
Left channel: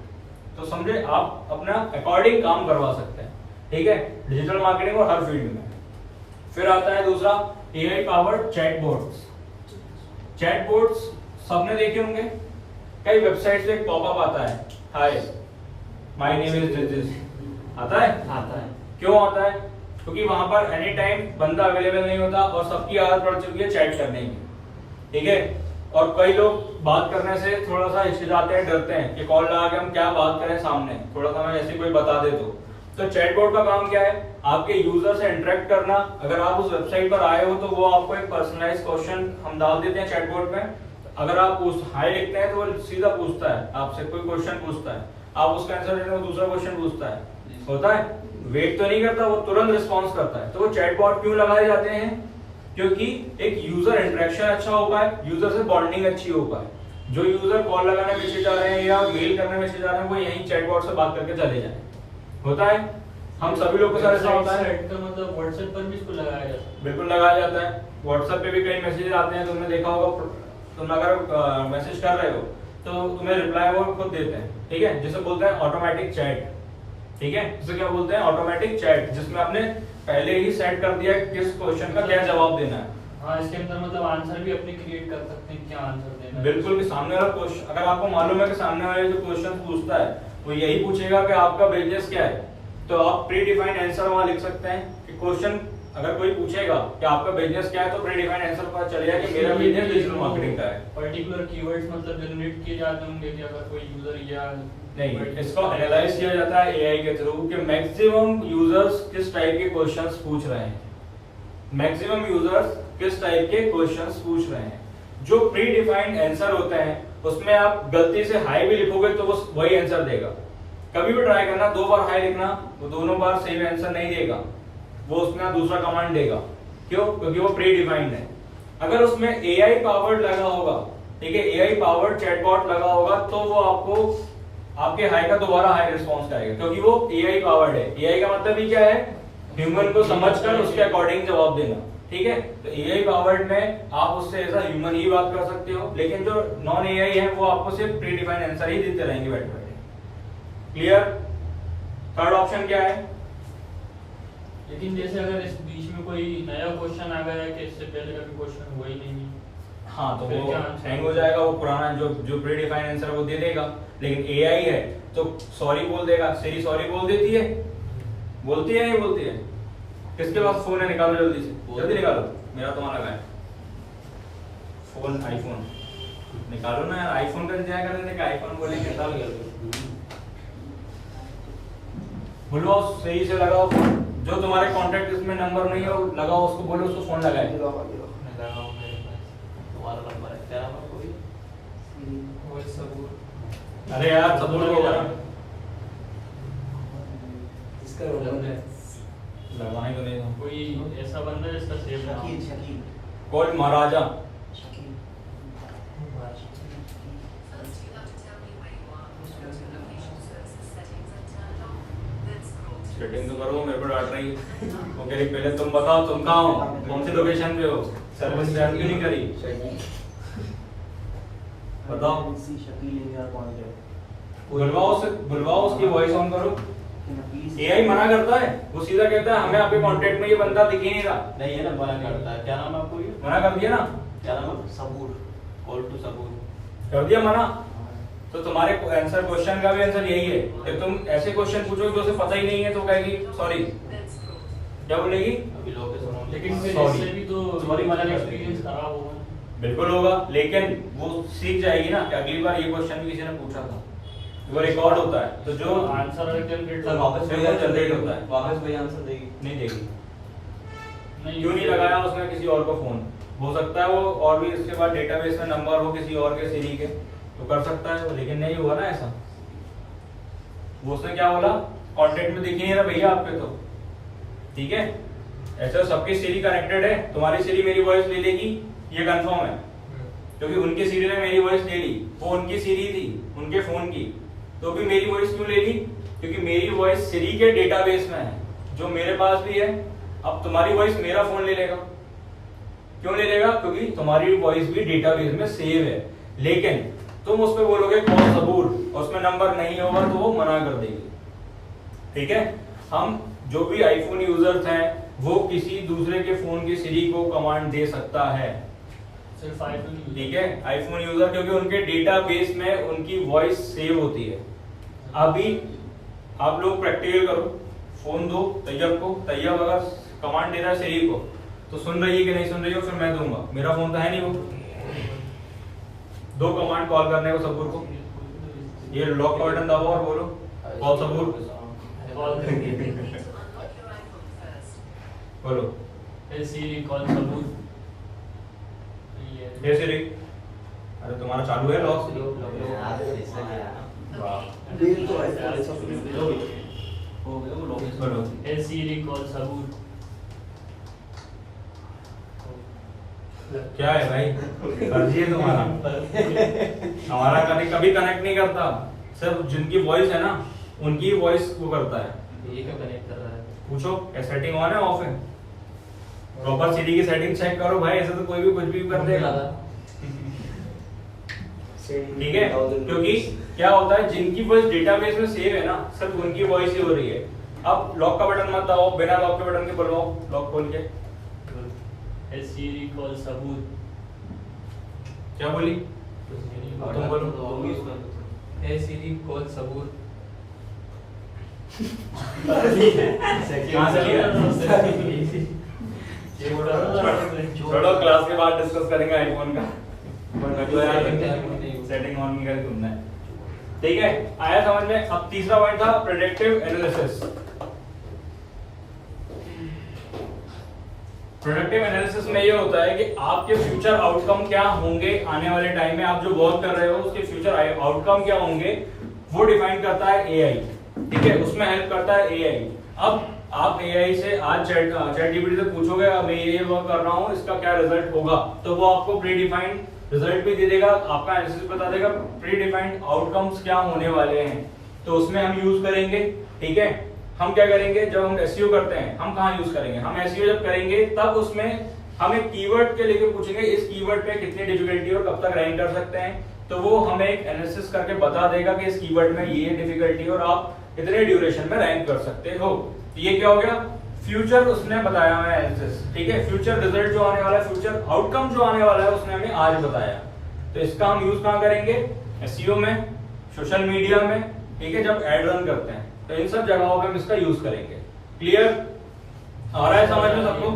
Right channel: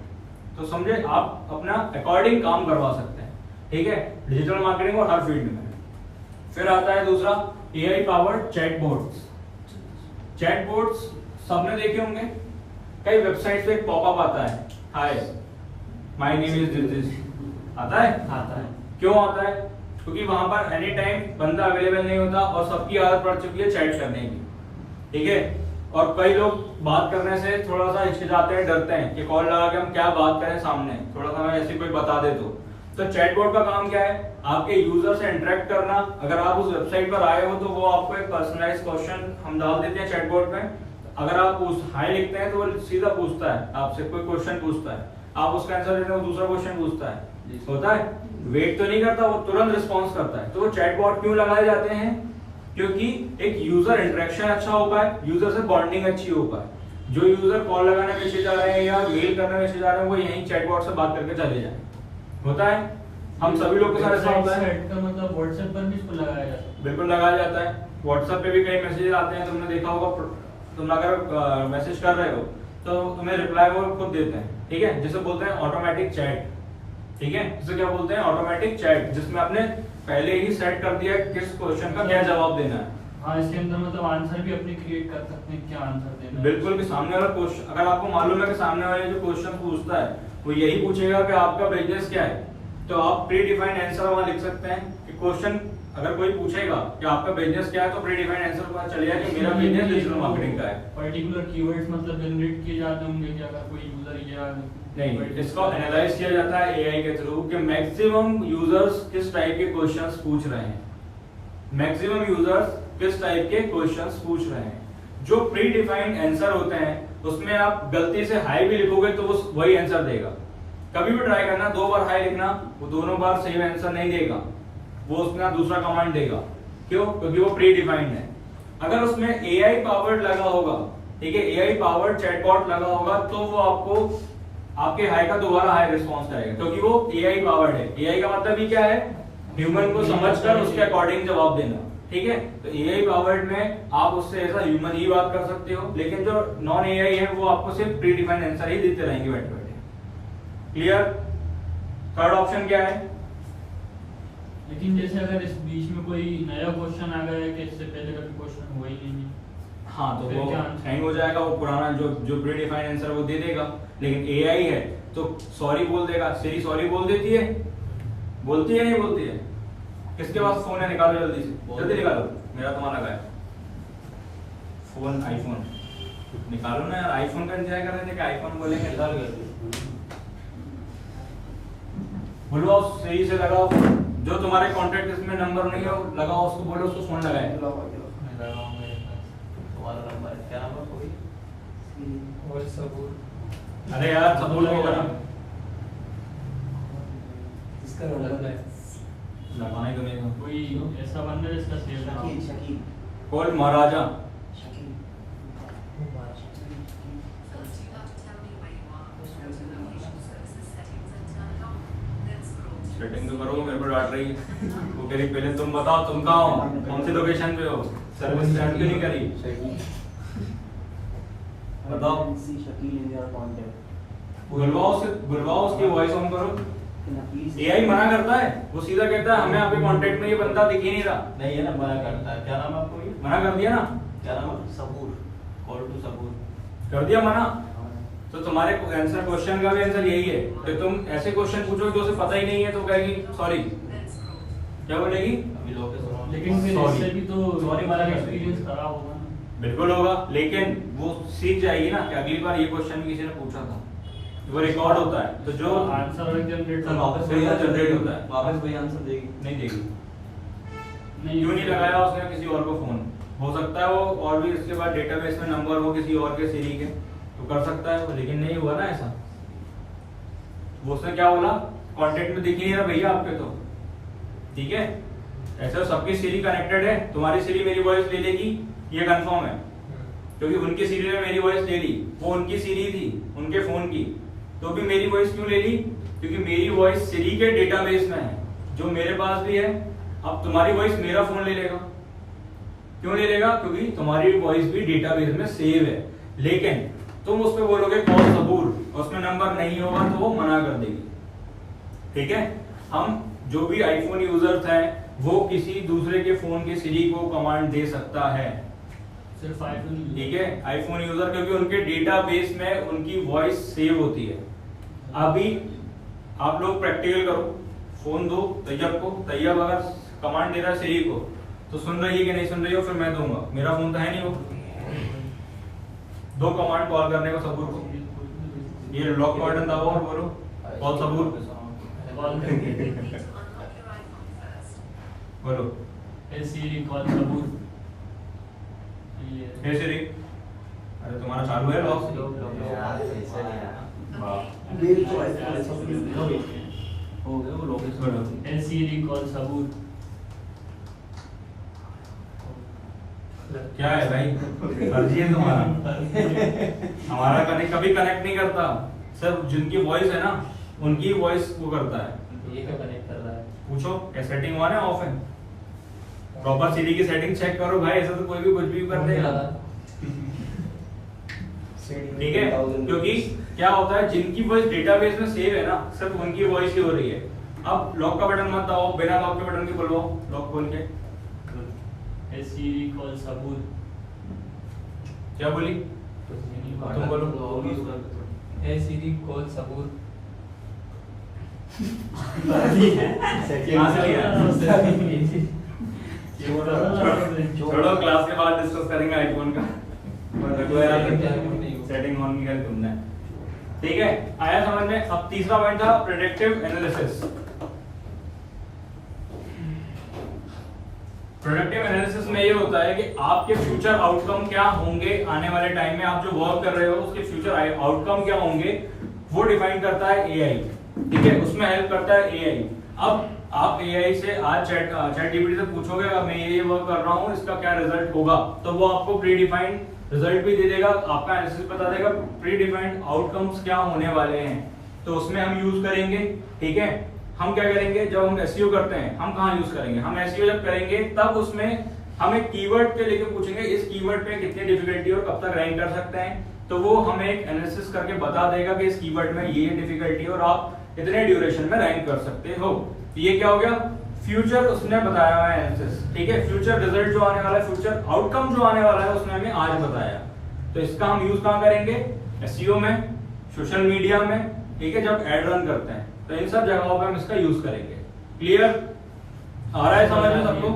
तो समझे, आप अपना अकॉर्डिंग काम करवा सकते हैं, ठीक है, डिजिटल मार्केटिंग और हर फील्ड में। फिर आता है दूसरा एआई पावर्ड चैटबॉट्स। चैटबॉट्स सबने देखे होंगे, कई वेबसाइट पे एक पॉपअप आता है, hi my name is this, आता है। क्यों आता है? क्योंकि वहां पर एनी टाइम बंदा अवेलेबल नहीं होता और सबकी आदत पड़ चुकी है चैट करने की, ठीक है। और कई लोग बात करने से थोड़ा सा हिचकिचाते हैं, डरते हैं कि कॉल लगा के हम क्या बात करें सामने, थोड़ा सा हमें ऐसी कोई बता दे तो चैटबॉट का काम क्या है? आपके यूजर से इंटरेक्ट करना। अगर आप उस वेबसाइट पर आए हो तो वो आपको एक पर्सनलाइज क्वेश्चन हम डाल देते हैं चैटबॉट में। अगर आप हाई लिखते हैं तो वो सीधा पूछता है आपसे, कोई क्वेश्चन पूछता है, आप उसका आंसर देते हैं, वो दूसरा क्वेश्चन पूछता है, होता है, वेट तो नहीं करता, वो तुरंत रिस्पॉन्स करता है। तो वो चैटबॉट क्यों लगाए जाते हैं? क्योंकि एक यूजर इंटरेक्शन अच्छा हो पाए, यूजर से बॉन्डिंग अच्छी हो पाए। जो यूजर कॉल लगाने में हिचकिचा रहे हैं या मेल करने में हिचकिचा रहे हैं, वो यही चैटबॉट से बात करके चले जाए, होता है। हम सभी लोग के साथ ऐसा होता है। मतलब व्हाट्सएप पर भी इसको लगाया जाता है? बिल्कुल लगाया जाता है। व्हाट्सएप पे भी कई मैसेज आते हैं, तुमने देखा होगा, तुम अगर मैसेज कर रहे हो तो उन्हें रिप्लाई वो खुद देते हैं, ठीक है, जिसे बोलते हैं ऑटोमेटिक चैट, ठीक है। जिसे क्या बोलते हैं? ऑटोमेटिक चैट, जिसमें आपने पहले ही सेट कर दिया है किस क्वेश्चन का क्या जवाब देना है। हाँ, इसके अंदर मतलब आंसर भी अपने क्रिएट कर सकते हैं, क्या आंसर देना है। बिल्कुल भी सामने वाला क्वेश्चन, अगर आपको मालूम है कि सामने वाला जो क्वेश्चन पूछता है वो यही पूछेगा कि आपका बिजनेस क्या है, तो आप प्री डिफाइंड आंसर वहां लिख सकते हैं कि क्वेश्चन अगर कोई पूछेगा कि आपका बिजनेस क्या है, तो प्री डिफाइंड आंसर पता चलेगा कि मेरा बिजनेस डिजिटल मार्केटिंग का है। पर्टिकुलर कीवर्ड्स मतलब जनरेट किए जाते होंगे कि अगर कोई यूजर या नहीं, इसको एनालाइज किया जाता है एआई के थ्रू कि मैक्सिमम यूजर्स किस टाइप के क्वेश्चंस पूछ रहे हैं, मैक्सिमम यूजर्स किस टाइप के क्वेश्चंस पूछ रहे हैं। जो प्री डिफाइंड आंसर होते हैं उसमें आप गलती से हाई भी लिखोगे तो वो वही आंसर देगा। कभी भी ट्राई करना, 2 बार हाई लिखना, वो दोनों बार सेम आंसर नहीं देगा, वो उसमें दूसरा कमांड देगा। क्यों? क्योंकि वो प्री डिफाइंड है। अगर उसमें एआई पावर्ड लगा होगा, ठीक है, एआई पावर्ड चैटबॉट लगा होगा, तो वो आपको आपके हाई का दोबारा हाई रिस्पॉन्स करेगा, क्योंकि वो एआई पावर्ड है। एआई का मतलब ही क्या है? ह्यूमन को समझकर उसके अकॉर्डिंग जवाब देना, ठीक है। तो एआई पावर्ड में आप उससे ऐसा ह्यूमन ही बात कर सकते हो, लेकिन जो नॉन एआई है वो आपको सिर्फ प्री डिफाइंड आंसर ही देते रहेंगे बैठे बैठे। क्लियर? थर्ड ऑप्शन क्या है? लेकिन जैसे अगर इस बीच में कोई नया क्वेश्चन आ गया है कि इससे पहले कभी क्वेश्चन हुआ ही नहीं, हाँ, तो फिर वो क्या आंसर? हैंग हो जाएगा, वो पुराना जो प्री डिफाइंड आंसर वो दे देगा। लेकिन एआई है तो सॉरी बोल देगा, सिरी सॉरी बोल देती है, बोलती है नहीं बोलती है? किसके पास फोन है? निकालो जल्दी से, जल्दी निकालो, मेरा तो वहां लगा है फोन, आईफोन निकालो ना यार। आईफोन का इंतजार कर रहे थे कि आईफोन बोलेंगे, निकालो जल्दी। बुलवाओ, सही से लगाओ, जो तुम्हारे कॉन्टैक्ट इसमें नंबर नहीं हो लगाओ, उसको बोलो उसको फोन लगाए। अरे यार सबूर के जाओ, इसका मतलब है जमाने को नहीं था। कोई ऐसा बंदा जिसका सेव नाम शकील शकील कोई महाराजा शकील सेटिंग तो करो, मेरे को डांट रही है। वो कह रही पहले तुम बताओ तुम कहाँ हो, कौन सी लोकेशन पे हो, सर्विस स्टार्ट क्यों नहीं करी? बताओ। शकील इंडिया कौन है? बुलवाओ, उसकी वॉइस ऑन करो। एआई मना करता है, वो सीधा कहता है हमें आपके कांटेक्ट में ये बंदा दिख ही नहीं रहा। नहीं है ना, मना करता है। क्या नाम है आपको? ये मना कर दिया ना, क्या नाम है? सबूर। कॉल टू सबूर कर दिया मना। तो तुम्हारे आंसर क्वेश्चन का भी आंसर यही है कि तुम ऐसे क्वेश्चन पूछोगे तो उसे पता ही नहीं है, तो कहेगी सॉरी, क्या बोलेगी? अभी लोग लेकिन फिर Sorry. इससे भी तो हमारा एक्सपीरियंस खराब होगा। बिल्कुल होगा, लेकिन वो सीख जाएगी ना कि अगली बार ये क्वेश्चन भी किसी ने पूछा था, वो रिकॉर्ड होता है, तो जो आंसर जनरेट सर वापस वही जनरेट होता है, वापस वही आंसर देगी। नहीं देगी। क्यों नहीं लगाया उसने किसी और को फोन? हो सकता है वो और भी इसके बाद डेटाबेस में नंबर हो किसी और के सीरी के, तो कर सकता है, लेकिन नहीं हुआ ना ऐसा। वो उसने क्या बोला, कॉन्टेक्ट में दिख नहीं रहा भैया आपके, तो ठीक है। ऐसा सबकी सीरी कनेक्टेड है, तुम्हारी सीरी मेरी वॉइस ले लेगी, ये कंफर्म है, क्योंकि उनकी सीरी ने मेरी वॉइस ले ली, वो उनकी सीरी थी उनके फोन की, तो भी मेरी वॉइस क्यों ले ली? क्योंकि मेरी वॉइस सीरी के डेटाबेस में है, जो मेरे पास भी है। अब तुम्हारी वॉइस मेरा फोन ले लेगा, क्यों ले लेगा? क्योंकि तुम्हारी वॉइस भी डेटाबेस में सेव है, लेकिन तुम उस पर बोलोगे कॉल सबूर, उसमें नंबर नहीं होगा तो वो मना कर देगी, ठीक है। हम जो भी आईफोन यूजर्स हैं वो किसी दूसरे के फोन की सीरी को कमांड दे सकता है, सिर्फ आईफोन, ठीक है, आईफोन यूजर, क्योंकि उनके डेटाबेस में उनकी वॉइस सेव होती है। अभी आप लोग प्रैक्टिकल करो, फोन दो तैयब को, तैयब अगर कमांड दे रहा है सीरी को तो सुन रही है कि नहीं सुन रही हो, फिर मैं दूंगा, मेरा फोन तो है नहीं वो। दो कमांड कॉल करने को सबूर को, ये लॉक बटन दबाओ और बोलो कॉल सबूर, बोलो हे सीरी कॉल सबूर, हे सीरी, अरे तुम्हारा चालू है लॉक? यार ऐसा नहीं है। वाह, डेल तो ऐसा हो गया वो लोकेशन। बोलो हे सीरी कॉल सबूर। क्या है भाई, फर्जी है तुम्हारा। हमारा कभी कनेक्ट नहीं करता, सिर्फ जिनकी वॉइस है ना उनकी वॉइस को करता है। ये क्यों कनेक्ट कर रहा है? पूछो सेटिंग ऑन है ऑफ है, प्रॉपर सीरी की सेटिंग चेक करो भाई, ऐसा तो कोई भी कुछ भी कर देगा, ठीक है। क्योंकि क्या होता है, जिनकी वॉइस डेटाबेस में सेव है ना, सिर्फ उनकी वॉइस ही हो रही है। अब लॉक का बटन मत दबाओ, बिना लॉक के बटन के बुलवाओ, लॉक खोल के। हे सीरी कॉल सबूर। क्या बोली? तुम बोलो। हे सीरी कॉल सबूर। कहाँ से लिया? छोड़ो, क्लास के बाद डिस्कस करेंगे आईफोन का। सेटिंग ऑन नहीं करी तुमने, ठीक है। आया समझ में? अब तीसरा पॉइंट था प्रेडिक्टिव एनालिसिस। प्रोडक्टिव एनालिसिस में ये होता है कि आपके फ्यूचर आउटकम क्या होंगे आने वाले टाइम में, आप जो वर्क कर रहे हो उसके फ्यूचर आउटकम क्या होंगे वो डिफाइन करता है एआई, ठीक है, उसमें हेल्प करता है एआई। अब आप एआई से आज चैट जीपीटी से पूछोगे मैं ये वर्क कर रहा हूँ, इसका क्या रिजल्ट होगा, तो वो आपको प्री डिफाइंड रिजल्ट भी दे देगा, आपका एनालिसिस बता देगा प्री डिफाइंड आउटकम्स क्या होने वाले हैं, तो उसमें हम यूज करेंगे, ठीक है। हम क्या करेंगे, जब हम एसईओ करते हैं हम कहाँ यूज करेंगे, हम एसईओ जब करेंगे तब उसमें हम एक कीवर्ड के लेके पूछेंगे इस कीवर्ड पे कितनी डिफिकल्टी और कब तक रैंक कर सकते हैं, तो वो हमें एक एनालिसिस करके बता देगा कि इस कीवर्ड में ये डिफिकल्टी और आप इतने ड्यूरेशन में रैंक कर सकते हो। ये क्या हो गया, फ्यूचर उसने बताया है एनालिसिस, ठीक है। फ्यूचर रिजल्ट जो आने वाला है, फ्यूचर आउटकम जो आने वाला है उसने हमें आज बताया, तो इसका हम यूज कहाँ करेंगे, एसईओ में, सोशल मीडिया में, ठीक है, जब एड रन करते हैं तो इन सब जगहों पे हम इसका यूज करेंगे। क्लियर आ रहा है समझ में सबको?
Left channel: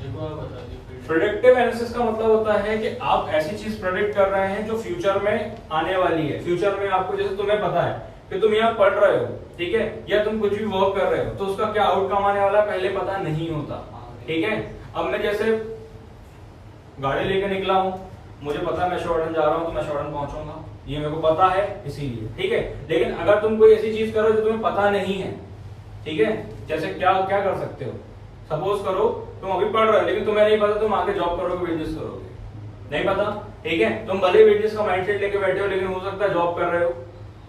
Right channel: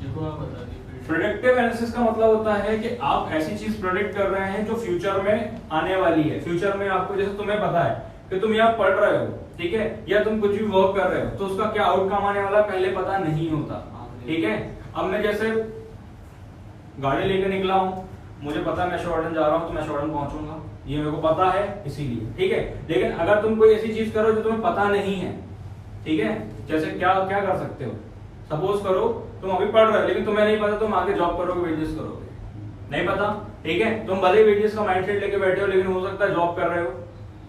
देखो आप बता दीजिए। प्रेडिक्टिव एनालिसिस का मतलब होता है कि आप ऐसी चीज प्रेडिक्ट कर रहे हैं जो फ्यूचर में आने वाली है। फ्यूचर में आपको, जैसे तुम्हें पता है कि तुम यहाँ पढ़ रहे हो, ठीक है, या तुम कुछ भी वर्क कर रहे हो, तो उसका क्या आउटकम आने वाला पहले पता नहीं होता, ठीक है। अब मैं जैसे गाड़ी लेकर निकला हूँ, मुझे पता है मैं शॉर्टन जा रहा हूँ तो मैं शॉर्टन पहुंचूंगा, ये मेरे को पता है इसीलिए, ठीक है। लेकिन अगर तुम कोई ऐसी चीज करो जो तुम्हें पता नहीं है, ठीक है, जैसे क्या क्या कर सकते हो, सपोज करो तुम अभी पढ़ रहे हो लेकिन तुम्हें नहीं पता तुम आगे जॉब करोगे, बिजनेस करोगे, नहीं पता, ठीक है। तुम भले बिजनेस का माइंडसेट लेके बैठे हो लेकिन हो सकता है जॉब कर रहे हो,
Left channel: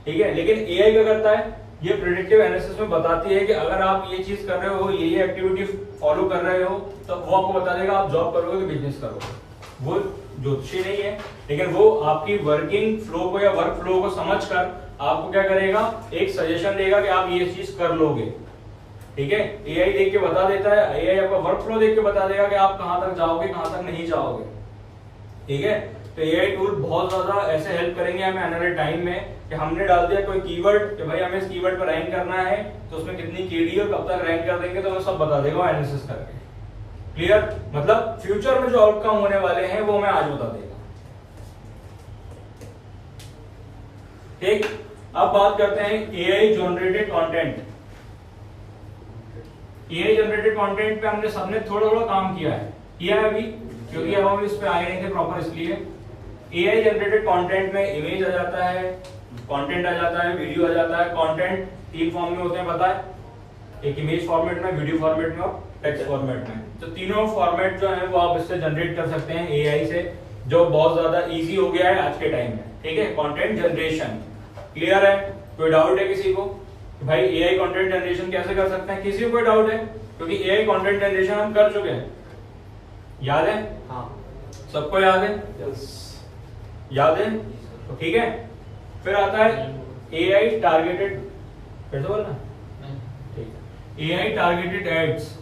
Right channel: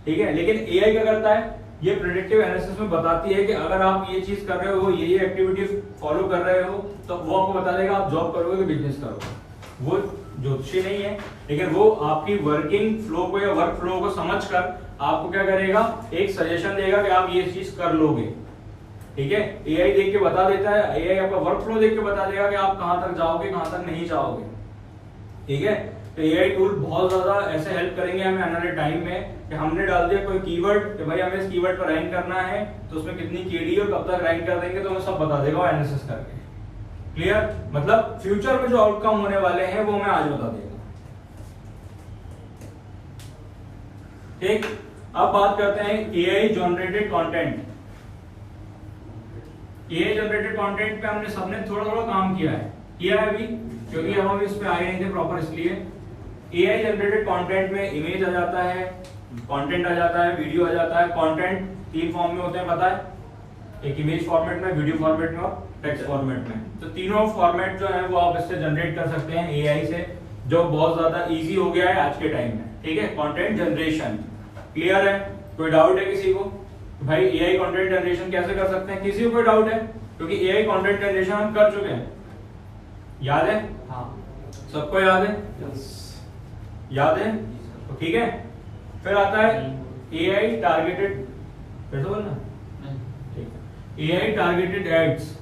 ठीक है। लेकिन एआई क्या करता है, ये प्रेडिक्टिव एनालिसिस में बताती है कि अगर आप ये चीज कर रहे हो, ये एक्टिविटी फॉलो कर रहे हो, तो वो आपको बता देगा आप जॉब करोगे कि बिजनेस करोगे। वो ज्योतिषी नहीं है, लेकिन वो आपकी वर्किंग फ्लो को या वर्क फ्लो को समझकर आपको क्या करेगा, एक सजेशन देगा कि आप ये चीज कर लोगे, ठीक है। एआई देख के बता देता है, एआई आपका वर्क फ्लो देख के बता देगा कि आप कहां तक जाओगे कहां तक नहीं जाओगे, ठीक है। तो एआई टूल बहुत ज्यादा ऐसे हेल्प करेंगे हमें आने वाले टाइम में कि हमने डाल दिया कोई कीवर्ड कि भाई हमें इस कीवर्ड पर रैंक करना है, तो उसमें कितनी केडी और कब तक रैंक कर देंगे, तो वो सब बता देगा एनालिसिस करके, क्लियर? मतलब फ्यूचर में जो आउटकम होने वाले हैं वो मैं आज बता देगा। ठीक, अब बात करते हैं AI generated content. AI generated content पे हमने सबने थोड़ा थोड़ा काम किया है अभी, क्योंकि अब हम इस पे आए नहीं थे प्रॉपर, इसलिए एआई जनरेटेड कंटेंट में इमेज आ जाता है, कंटेंट आ जाता है, वीडियो आ जाता है। कंटेंट 3 फॉर्म में होते हैं पता है, एक इमेज फॉर्मेट में, वीडियो फॉर्मेट में और टेक्स्ट फॉर्मेट में। तो तीनों फॉर्मेट जो है वो आप इससे जनरेट कर सकते हैं एआई से, जो बहुत ज्यादा इजी हो गया है आज के टाइम में। ठीक है, कंटेंट जनरेशन क्लियर है? कोई डाउट है किसी को भाई एआई कंटेंट जनरेशन कैसे कर सकते हैं? किसी को कोई डाउट है? क्योंकि एआई कंटेंट जनरेशन हम कर चुके हैं, याद है? हाँ, सबको याद है? याद है? तो ठीक है, फिर आता है एआई टारगेटेड, कैसे बोलना? ठीक है, एआई टारगेटेड एड्स।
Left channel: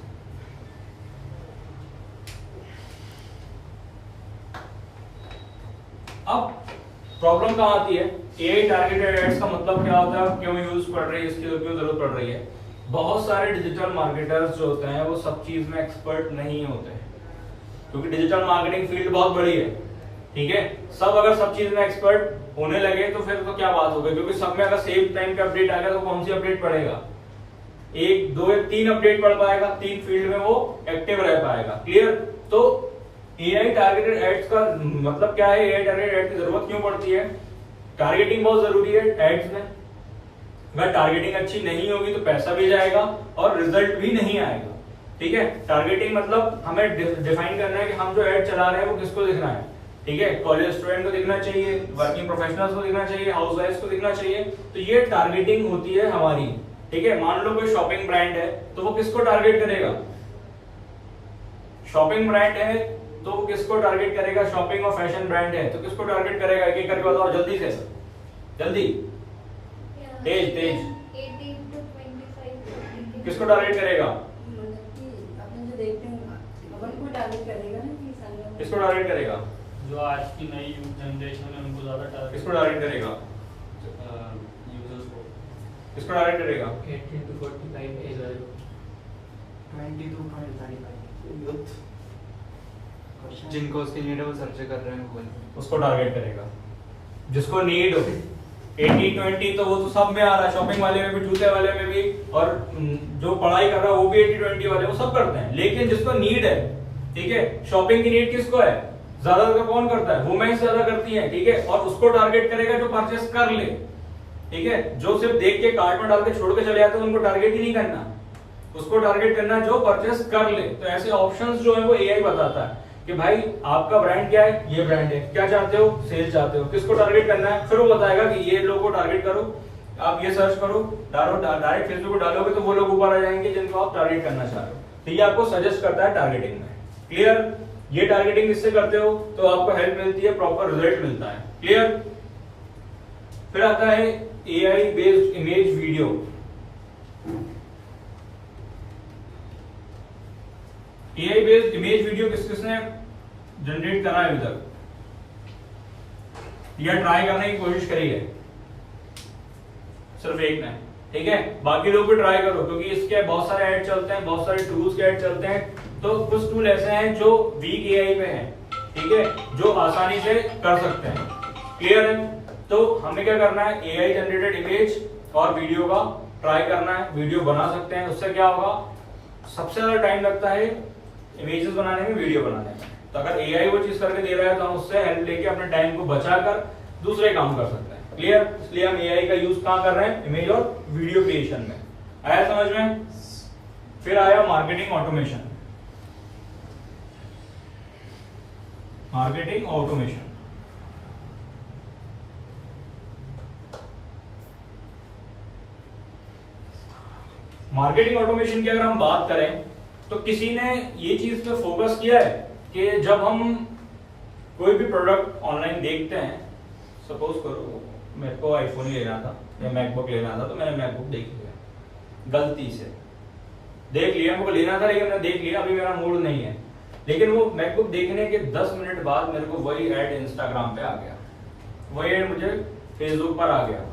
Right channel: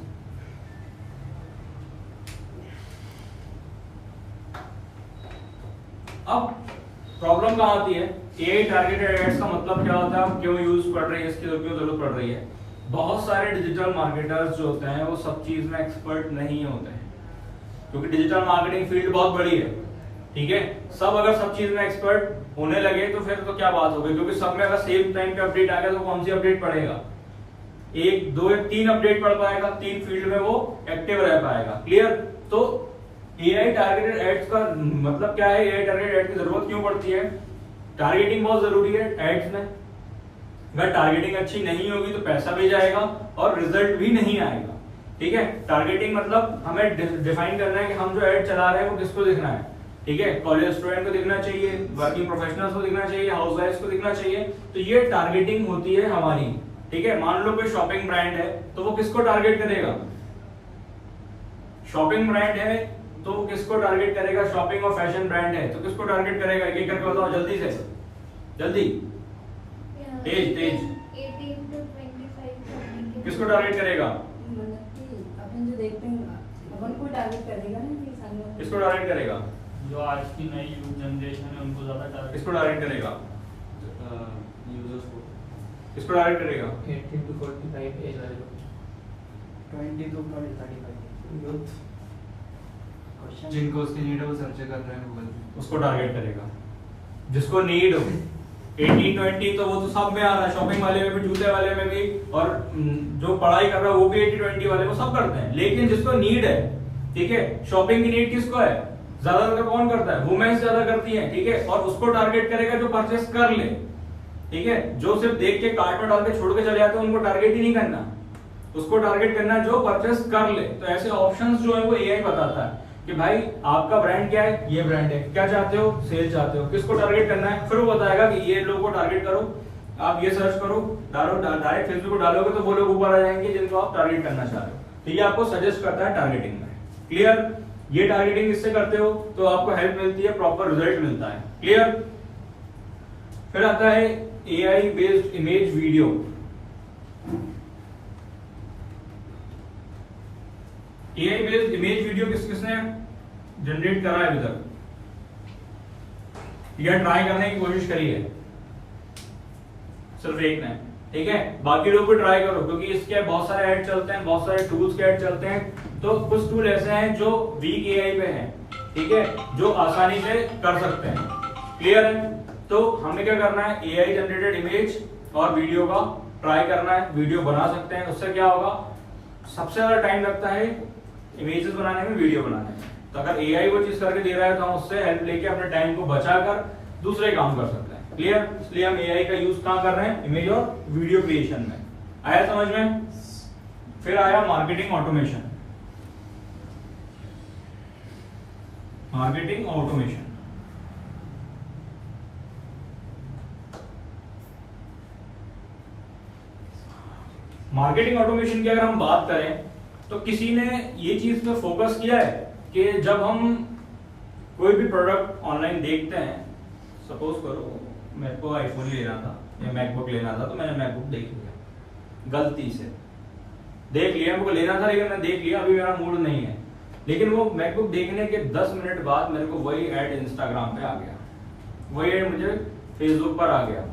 अब प्रॉब्लम कहां आती है? एआई टारगेटेड एड्स का मतलब क्या होता है, क्यों यूज पड़ रही है, इसकी क्यों जरूरत पड़ रही है? बहुत सारे डिजिटल मार्केटर्स जो होते हैं वो सब चीज में एक्सपर्ट नहीं होते हैं, क्योंकि डिजिटल मार्केटिंग फील्ड बहुत बड़ी है। ठीक है, सब अगर सब चीज में एक्सपर्ट होने लगे तो फिर तो क्या बात होगी, क्योंकि सब में अगर सेम टाइम पे अपडेट आएगा तो कौन सी अपडेट पड़ेगा? 1, 2 या 3 अपडेट पढ़ पाएगा, 3 फील्ड में वो एक्टिव रह पाएगा। क्लियर? तो एआई टारगेटेड एड्स का मतलब क्या है? एआई टारगेटेड एड की जरूरत क्यों पड़ती है? टारगेटिंग बहुत जरूरी है एड्स में। अगर टारगेटिंग अच्छी नहीं होगी तो पैसा भी जाएगा और रिजल्ट भी नहीं आएगा। ठीक है, टारगेटिंग मतलब हमें डिफाइन करना है कि हम जो एड चला रहे हैं वो किसको दिख रहा है। ठीक है, कॉलेज स्टूडेंट को दिखना चाहिए, वर्किंग प्रोफेशनल्स को दिखना चाहिए, हाउसवाइफ्स को दिखना चाहिए। तो ये टारगेटिंग होती है हमारी। ठीक है, मान लो कोई शॉपिंग ब्रांड है तो वो किसको टारगेट करेगा? शॉपिंग ब्रांड है तो वो किसको टारगेट करेगा? शॉपिंग और फैशन ब्रांड है तो किसको टारगेट करेगा? एक एक करके बताओ जल्दी से, जल्दी, तेज 18 to 25 किसको टारगेट करेगा? मतलब कि अपन जो देखते हैं अपन को टारगेट करेगा ना कि संग किसको टारगेट करेगा? जो आज की नई यूथ जनरेशन है उनको ज्यादा टारगेट। किसको टारगेट करेगा? यूजर्स को किसको टारगेट करेगा? 18 to 45 एज वाले 20 to 35 यूथ क्वेश्चन जिनको उसकी नीड है वो सर्च कर रहे हैं गूगल पे, उसको टारगेट करेगा। जिसको नीड हो 80-20 तो वो तो सब में आ रहा है, शॉपिंग वाले में भी, जूते वाले में भी, और जो पढ़ाई कर रहा है वो भी 80-20 वाले, वो सब करते हैं। लेकिन जिसको नीड है, ठीक है, शॉपिंग की नीड किसको है? ज्यादातर कौन करता है? वुमेन्स ज्यादा करती है। ठीक है, और उसको टारगेट करेगा जो परचेस कर ले। ठीक है, जो सिर्फ देख के कार्ट में डाल के छोड़ के चले जाते हैं उनको टारगेट ही नहीं करना, उसको टारगेट करना जो परचेस कर ले। तो ऐसे ऑप्शंस जो है वो एआई बताता है कि भाई आपका ब्रांड क्या है, ये ब्रांड है, क्या चाहते हो, सेल चाहते हो, किसको टारगेट करना है, फिर वो बताएगा कि ये लोगों को टारगेट करो, आप ये सर्च करो, डायरेक्ट फेसबुक को डालोगे तो वो लोग ऊपर आ जाएंगे जिनको आप टारगेट करना चाह रहे हो। तो ये आपको सजेस्ट करता है टारगेटिंग में। क्लियर? ये टारगेटिंग इससे करते हो तो आपको हेल्प मिलती है, प्रॉपर रिजल्ट मिलता है। क्लियर? फिर आता है AI based image video. AI based image video किसने जनरेट करा है अभी तक, या ट्राई करने की कोशिश करी है? सिर्फ एक ने। ठीक है, बाकी लोग भी ट्राई करो, क्योंकि इसके बहुत सारे ऐड चलते हैं, बहुत सारे टूल्स के ऐड चलते हैं। तो कुछ टूल ऐसे हैं जो वीक एआई पे हैं, ठीक है, जो आसानी से कर सकते हैं। क्लियर है? तो हमें क्या करना है, एआई जनरेटेड इमेज और वीडियो का ट्राई करना है, वीडियो बना सकते हैं। उससे क्या होगा, सबसे ज्यादा टाइम लगता है इमेजेस बनाने में, वीडियो बनाने में। तो अगर एआई वो चीज करके दे रहा है तो हम उससे हेल्प लेके अपने टाइम को बचाकर दूसरे काम कर सकते हैं। क्लियर? इसलिए हम एआई का यूज कहां कर रहे हैं, इमेज और वीडियो क्रिएशन में। आया समझ में? फिर आया marketing automation. Marketing automation marketing automation की अगर हम बात करें तो किसी ने ये चीज पे फोकस किया है कि जब हम कोई भी प्रोडक्ट ऑनलाइन देखते हैं, सपोज करो मेरे को आईफोन लेना था या मैकबुक लेना था, तो मैंने मैकबुक देख लिया, गलती से देख लिया, मेरे को लेना था लेकिन मैंने देख लिया, अभी मेरा मूड नहीं है। लेकिन वो मैकबुक देखने के 10 मिनट बाद मेरे को वही ऐड इंस्टाग्राम पे आ गया, वही ऐड मुझे फेसबुक पर आ गया।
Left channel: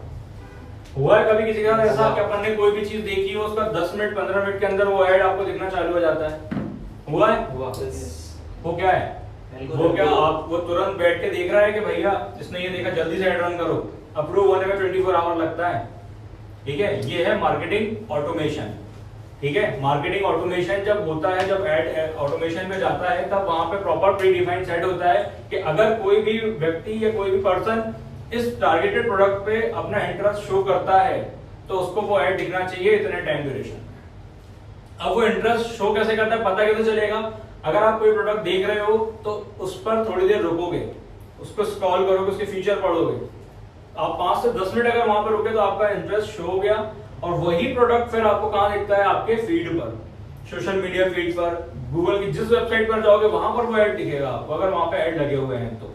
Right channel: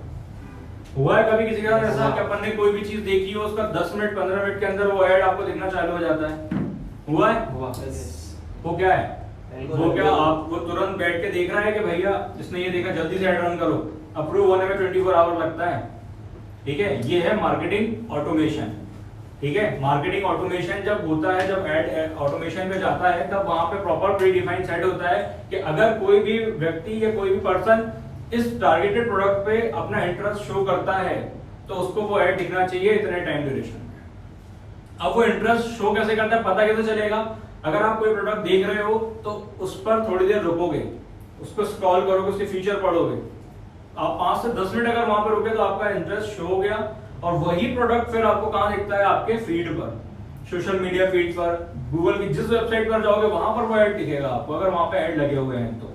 हुआ है कभी किसी के साथ ऐसा कि अपन ने कोई भी चीज देखी हो, उसका 10 मिनट 15 मिनट के अंदर वो ऐड आपको दिखना चालू हो जाता है? हुआ है? Yes. वो क्या है? वो क्या आप वो तुरंत बैठ के देख रहा है कि भैया इसने ये देखा जल्दी से ऐड रन करो, अप्रूव होने में 24 आवर लगता है। ठीक है, ये है मार्केटिंग ऑटोमेशन। ठीक है, मार्केटिंग ऑटोमेशन जब होता है, जब ऐड ऑटोमेशन में जाता है, तब वहां पे प्रॉपर प्री डिफाइंड सेट होता है कि अगर कोई भी व्यक्ति या कोई भी पर्सन इस टारगेटेड प्रोडक्ट पे अपना इंटरेस्ट शो करता है तो उसको वो ऐड दिखना चाहिए इतने टाइम ड्यूरेशन। अब वो इंटरेस्ट शो कैसे करता है, पता कैसे चलेगा? अगर आप कोई प्रोडक्ट देख रहे हो तो उस पर थोड़ी देर रुकोगे, उसको स्क्रॉल करोगे, उसके फीचर पढ़ोगे, आप 5 से 10 मिनट अगर वहां पर रुके तो आपका इंटरेस्ट शो हो गया, और वही प्रोडक्ट फिर आपको कहां दिखता है? आपके फीड पर, सोशल मीडिया फीड पर, गूगल की जिस वेबसाइट पर जाओगे वहां पर वो ऐड दिखेगा आपको, अगर वहां पे ऐड लगे हुए हैं तो।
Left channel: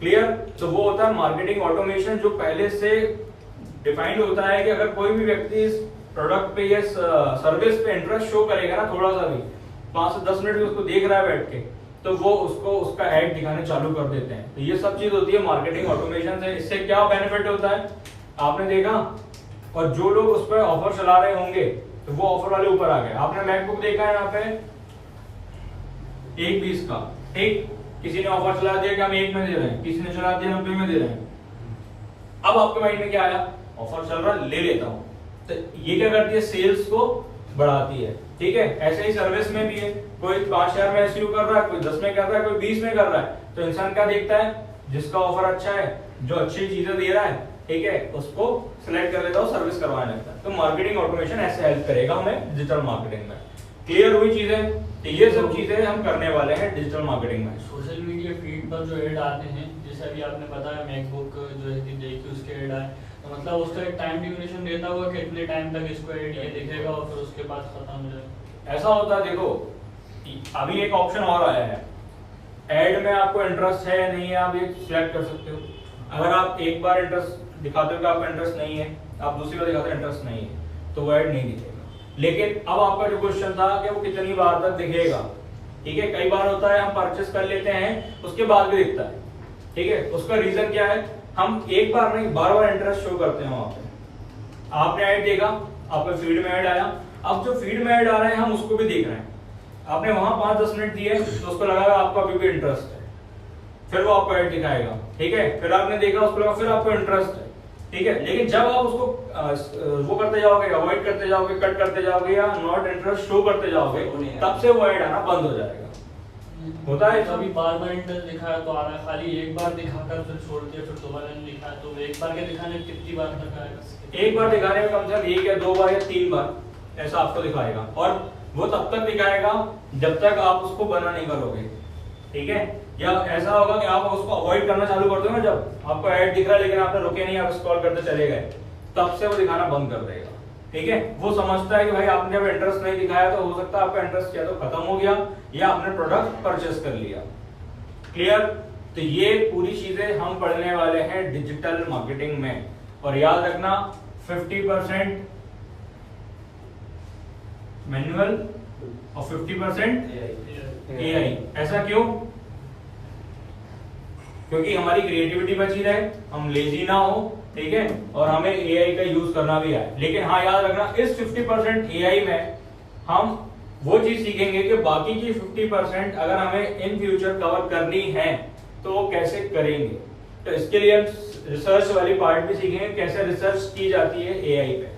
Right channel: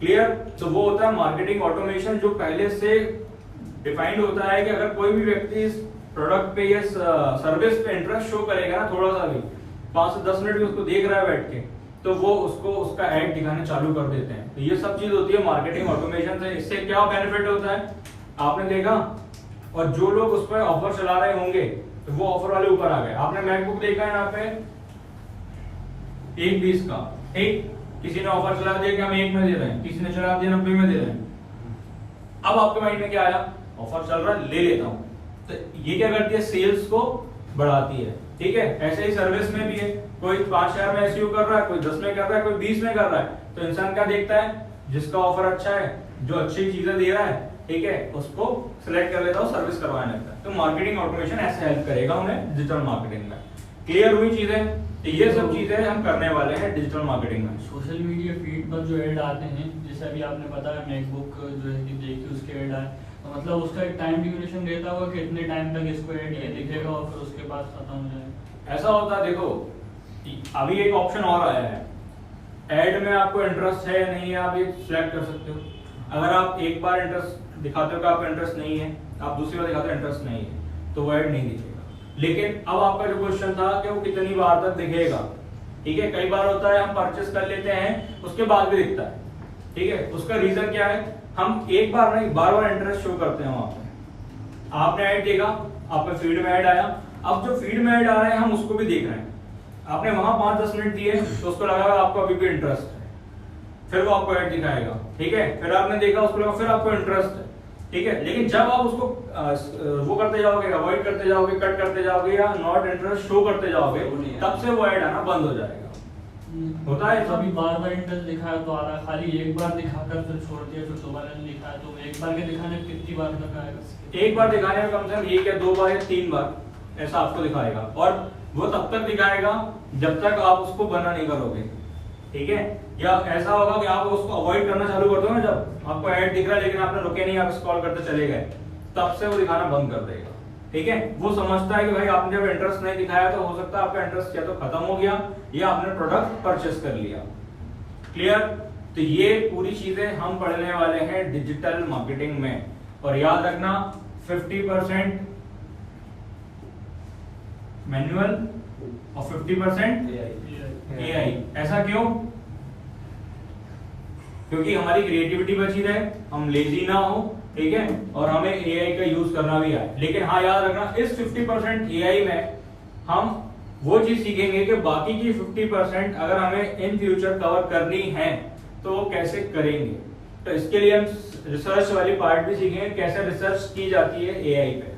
क्लियर? तो वो होता है मार्केटिंग ऑटोमेशन, जो पहले से डिफाइंड होता है कि अगर कोई भी व्यक्ति इस प्रोडक्ट पे या सर्विस पे इंटरेस्ट शो करेगा ना, थोड़ा सा भी, 5 से 10 मिनट भी उसको देख रहा है बैठ के, तो वो उसको उसका ऐड दिखाने चालू कर देते हैं। तो ये सब चीज होती है मार्केटिंग ऑटोमेशन से। इससे क्या बेनिफिट होता है आपने देखा, और जो लोग उस पर ऑफर चला रहे होंगे तो वो ऑफर वाले ऊपर आ गए। आपने मैकबुक देखा है यहाँ पे 120 का, ठीक, किसी ने ऑफर चला दिया कि हम 1 में दे रहे हैं, किसी ने चला दिया 90 में दे रहे हैं। अब आपके माइंड में क्या आया? ऑफर चल रहा है, ले लेता हूं। तो ये क्या करती है? सेल्स को बढ़ाती है। ठीक है, ऐसे ही सर्विस में भी है, कोई 5,000 में एसईओ कर रहा है, कोई 10 में कर रहा है, कोई 20 में कर रहा है, तो इंसान क्या देखता है? जिसका ऑफर अच्छा है, जो अच्छी चीजें दे रहा है, ठीक है, उसको सिलेक्ट कर लेता हूं, सर्विस करवाने लगता है। तो मार्केटिंग ऑटोमेशन ऐसे हेल्प करेगा हमें डिजिटल मार्केटिंग में। क्लियर हुई चीजें? तो ये सब चीजें हम करने वाले हैं डिजिटल मार्केटिंग में। सोशल मीडिया फीड पर जो ऐड आते हैं, जैसे अभी आपने बताया मैकबुक जो है कि देखी उसके ऐड आए, तो मतलब उसका एक टाइम ड्यूरेशन देता होगा कि इतने टाइम तक इसको ऐड ये दिखेगा और फिर उसके बाद खत्म हो जाएगा। ऐसा होता है, देखो अभी एक ऑप्शन और आया है, ऐड में आपको इंटरेस्ट है या नहीं है, आप ये सिलेक्ट कर सकते हो। अगर आप एक बार इंटरेस्ट दिखाते हो कि आपका इंटरेस्ट नहीं है, आप दूसरी बार दिखाते हो इंटरेस्ट नहीं है, तो वो ऐड नहीं दिखेगा। लेकिन अब आपका जो क्वेश्चन था कि वो कितनी बार तक दिखेगा, ठीक है, कई बार होता है हम परचेस कर लेते हैं उसके बाद भी दिखता है, ठीक है, उसका रीजन क्या है? हम एक बार नहीं बार बार इंटरेस्ट शो करते हैं वहां पे। आपने ऐड देखा, आपके फीड में ऐड आया, अब जो फीड में ऐड आ रहा है हम उसको भी देख रहे हैं। आपने वहां 5-10 मिनट दिए तो उसको लगा आपको अभी भी इंटरेस्ट है, फिर वो आपको ऐड दिखाएगा, ठीक है, फिर आपने देखा उसको लगा फिर आपको इंटरेस्ट है, ठीक है। लेकिन जब आप उसको वो करते जाओगे, अवॉइड करते जाओगे, कट करते जाओगे या नॉट इंटरेस्ट शो करते जाओगे, तब से वो ऐड आना बंद हो जाएगा। होता है अभी बार बार इंटरेस्ट दिखाया तो आ रहा, खाली एक बार दिखाकर फिर छोड़ दिया, फिर दोबारा नहीं दिखाया, तो एक बार के दिखाने में कितनी बार तक आएगा? एक बार दिखाने में कम से कम 1 या 2 बार या 3 बार ऐसा आपको दिखाएगा, और वो तब तक दिखाएगा जब तक आप उसको बना नहीं करोगे, ठीक है। या ऐसा होगा कि आप उसको अवॉइड करना चालू कर दो ना, जब आपको ऐड दिख रहा है लेकिन आपने रुके नहीं, आप स्क्रॉल करते चले गए, तब से वो दिखाना बंद कर देगा, ठीक है। वो समझता है कि भाई आपने जब इंटरेस्ट नहीं दिखाया तो हो सकता है आपका इंटरेस्ट या तो खत्म हो गया या आपने प्रोडक्ट परचेस कर लिया। क्लियर? तो ये पूरी चीजें हम पढ़ने वाले हैं डिजिटल मार्केटिंग में, और याद रखना 50% मैनुअल और 50% एआई। ऐसा क्यों? क्योंकि हमारी क्रिएटिविटी बची रहे, हम लेजी ना हो, ठीक है, और हमें एआई का यूज करना भी आए। लेकिन हाँ याद रखना, इस 50% एआई में हम वो चीज सीखेंगे कि बाकी की 50% अगर हमें इन फ्यूचर कवर करनी है तो वो कैसे करेंगे। तो इसके लिए हम रिसर्च वाली पार्ट भी सीखेंगे, कैसे रिसर्च की जाती है एआई पे,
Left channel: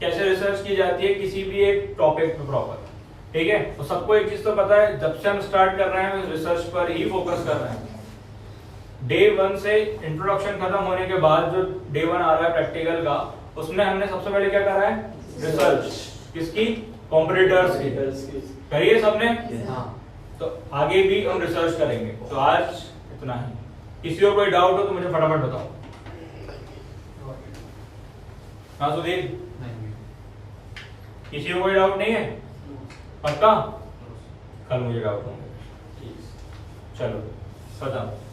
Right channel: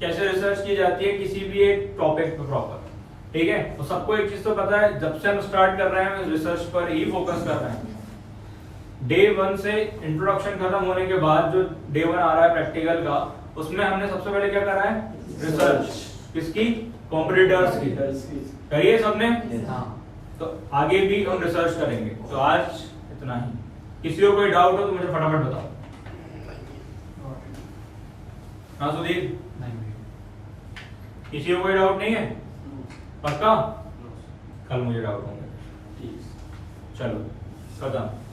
कैसे रिसर्च की जाती है किसी भी एक टॉपिक पे प्रॉपर, ठीक है। तो सबको एक चीज तो पता है, जब से हम स्टार्ट कर रहे हैं रिसर्च पर ही फोकस कर रहे हैं। डे 1 से इंट्रोडक्शन खत्म होने के बाद जो डे 1 आ रहा है प्रैक्टिकल का, उसमें हमने सबसे पहले क्या करा है? रिसर्च। किसकी? कॉम्पिटिटर्स की। करिए सबने? तो आगे भी हम रिसर्च करेंगे। तो आज इतना ही। किसी को कोई डाउट हो तो मुझे फटाफट बताओ। हाँ सुधीर, किसी को कोई डाउट नहीं है? पक्का? कल मुझे डाउट होंगे। चलो खत्म।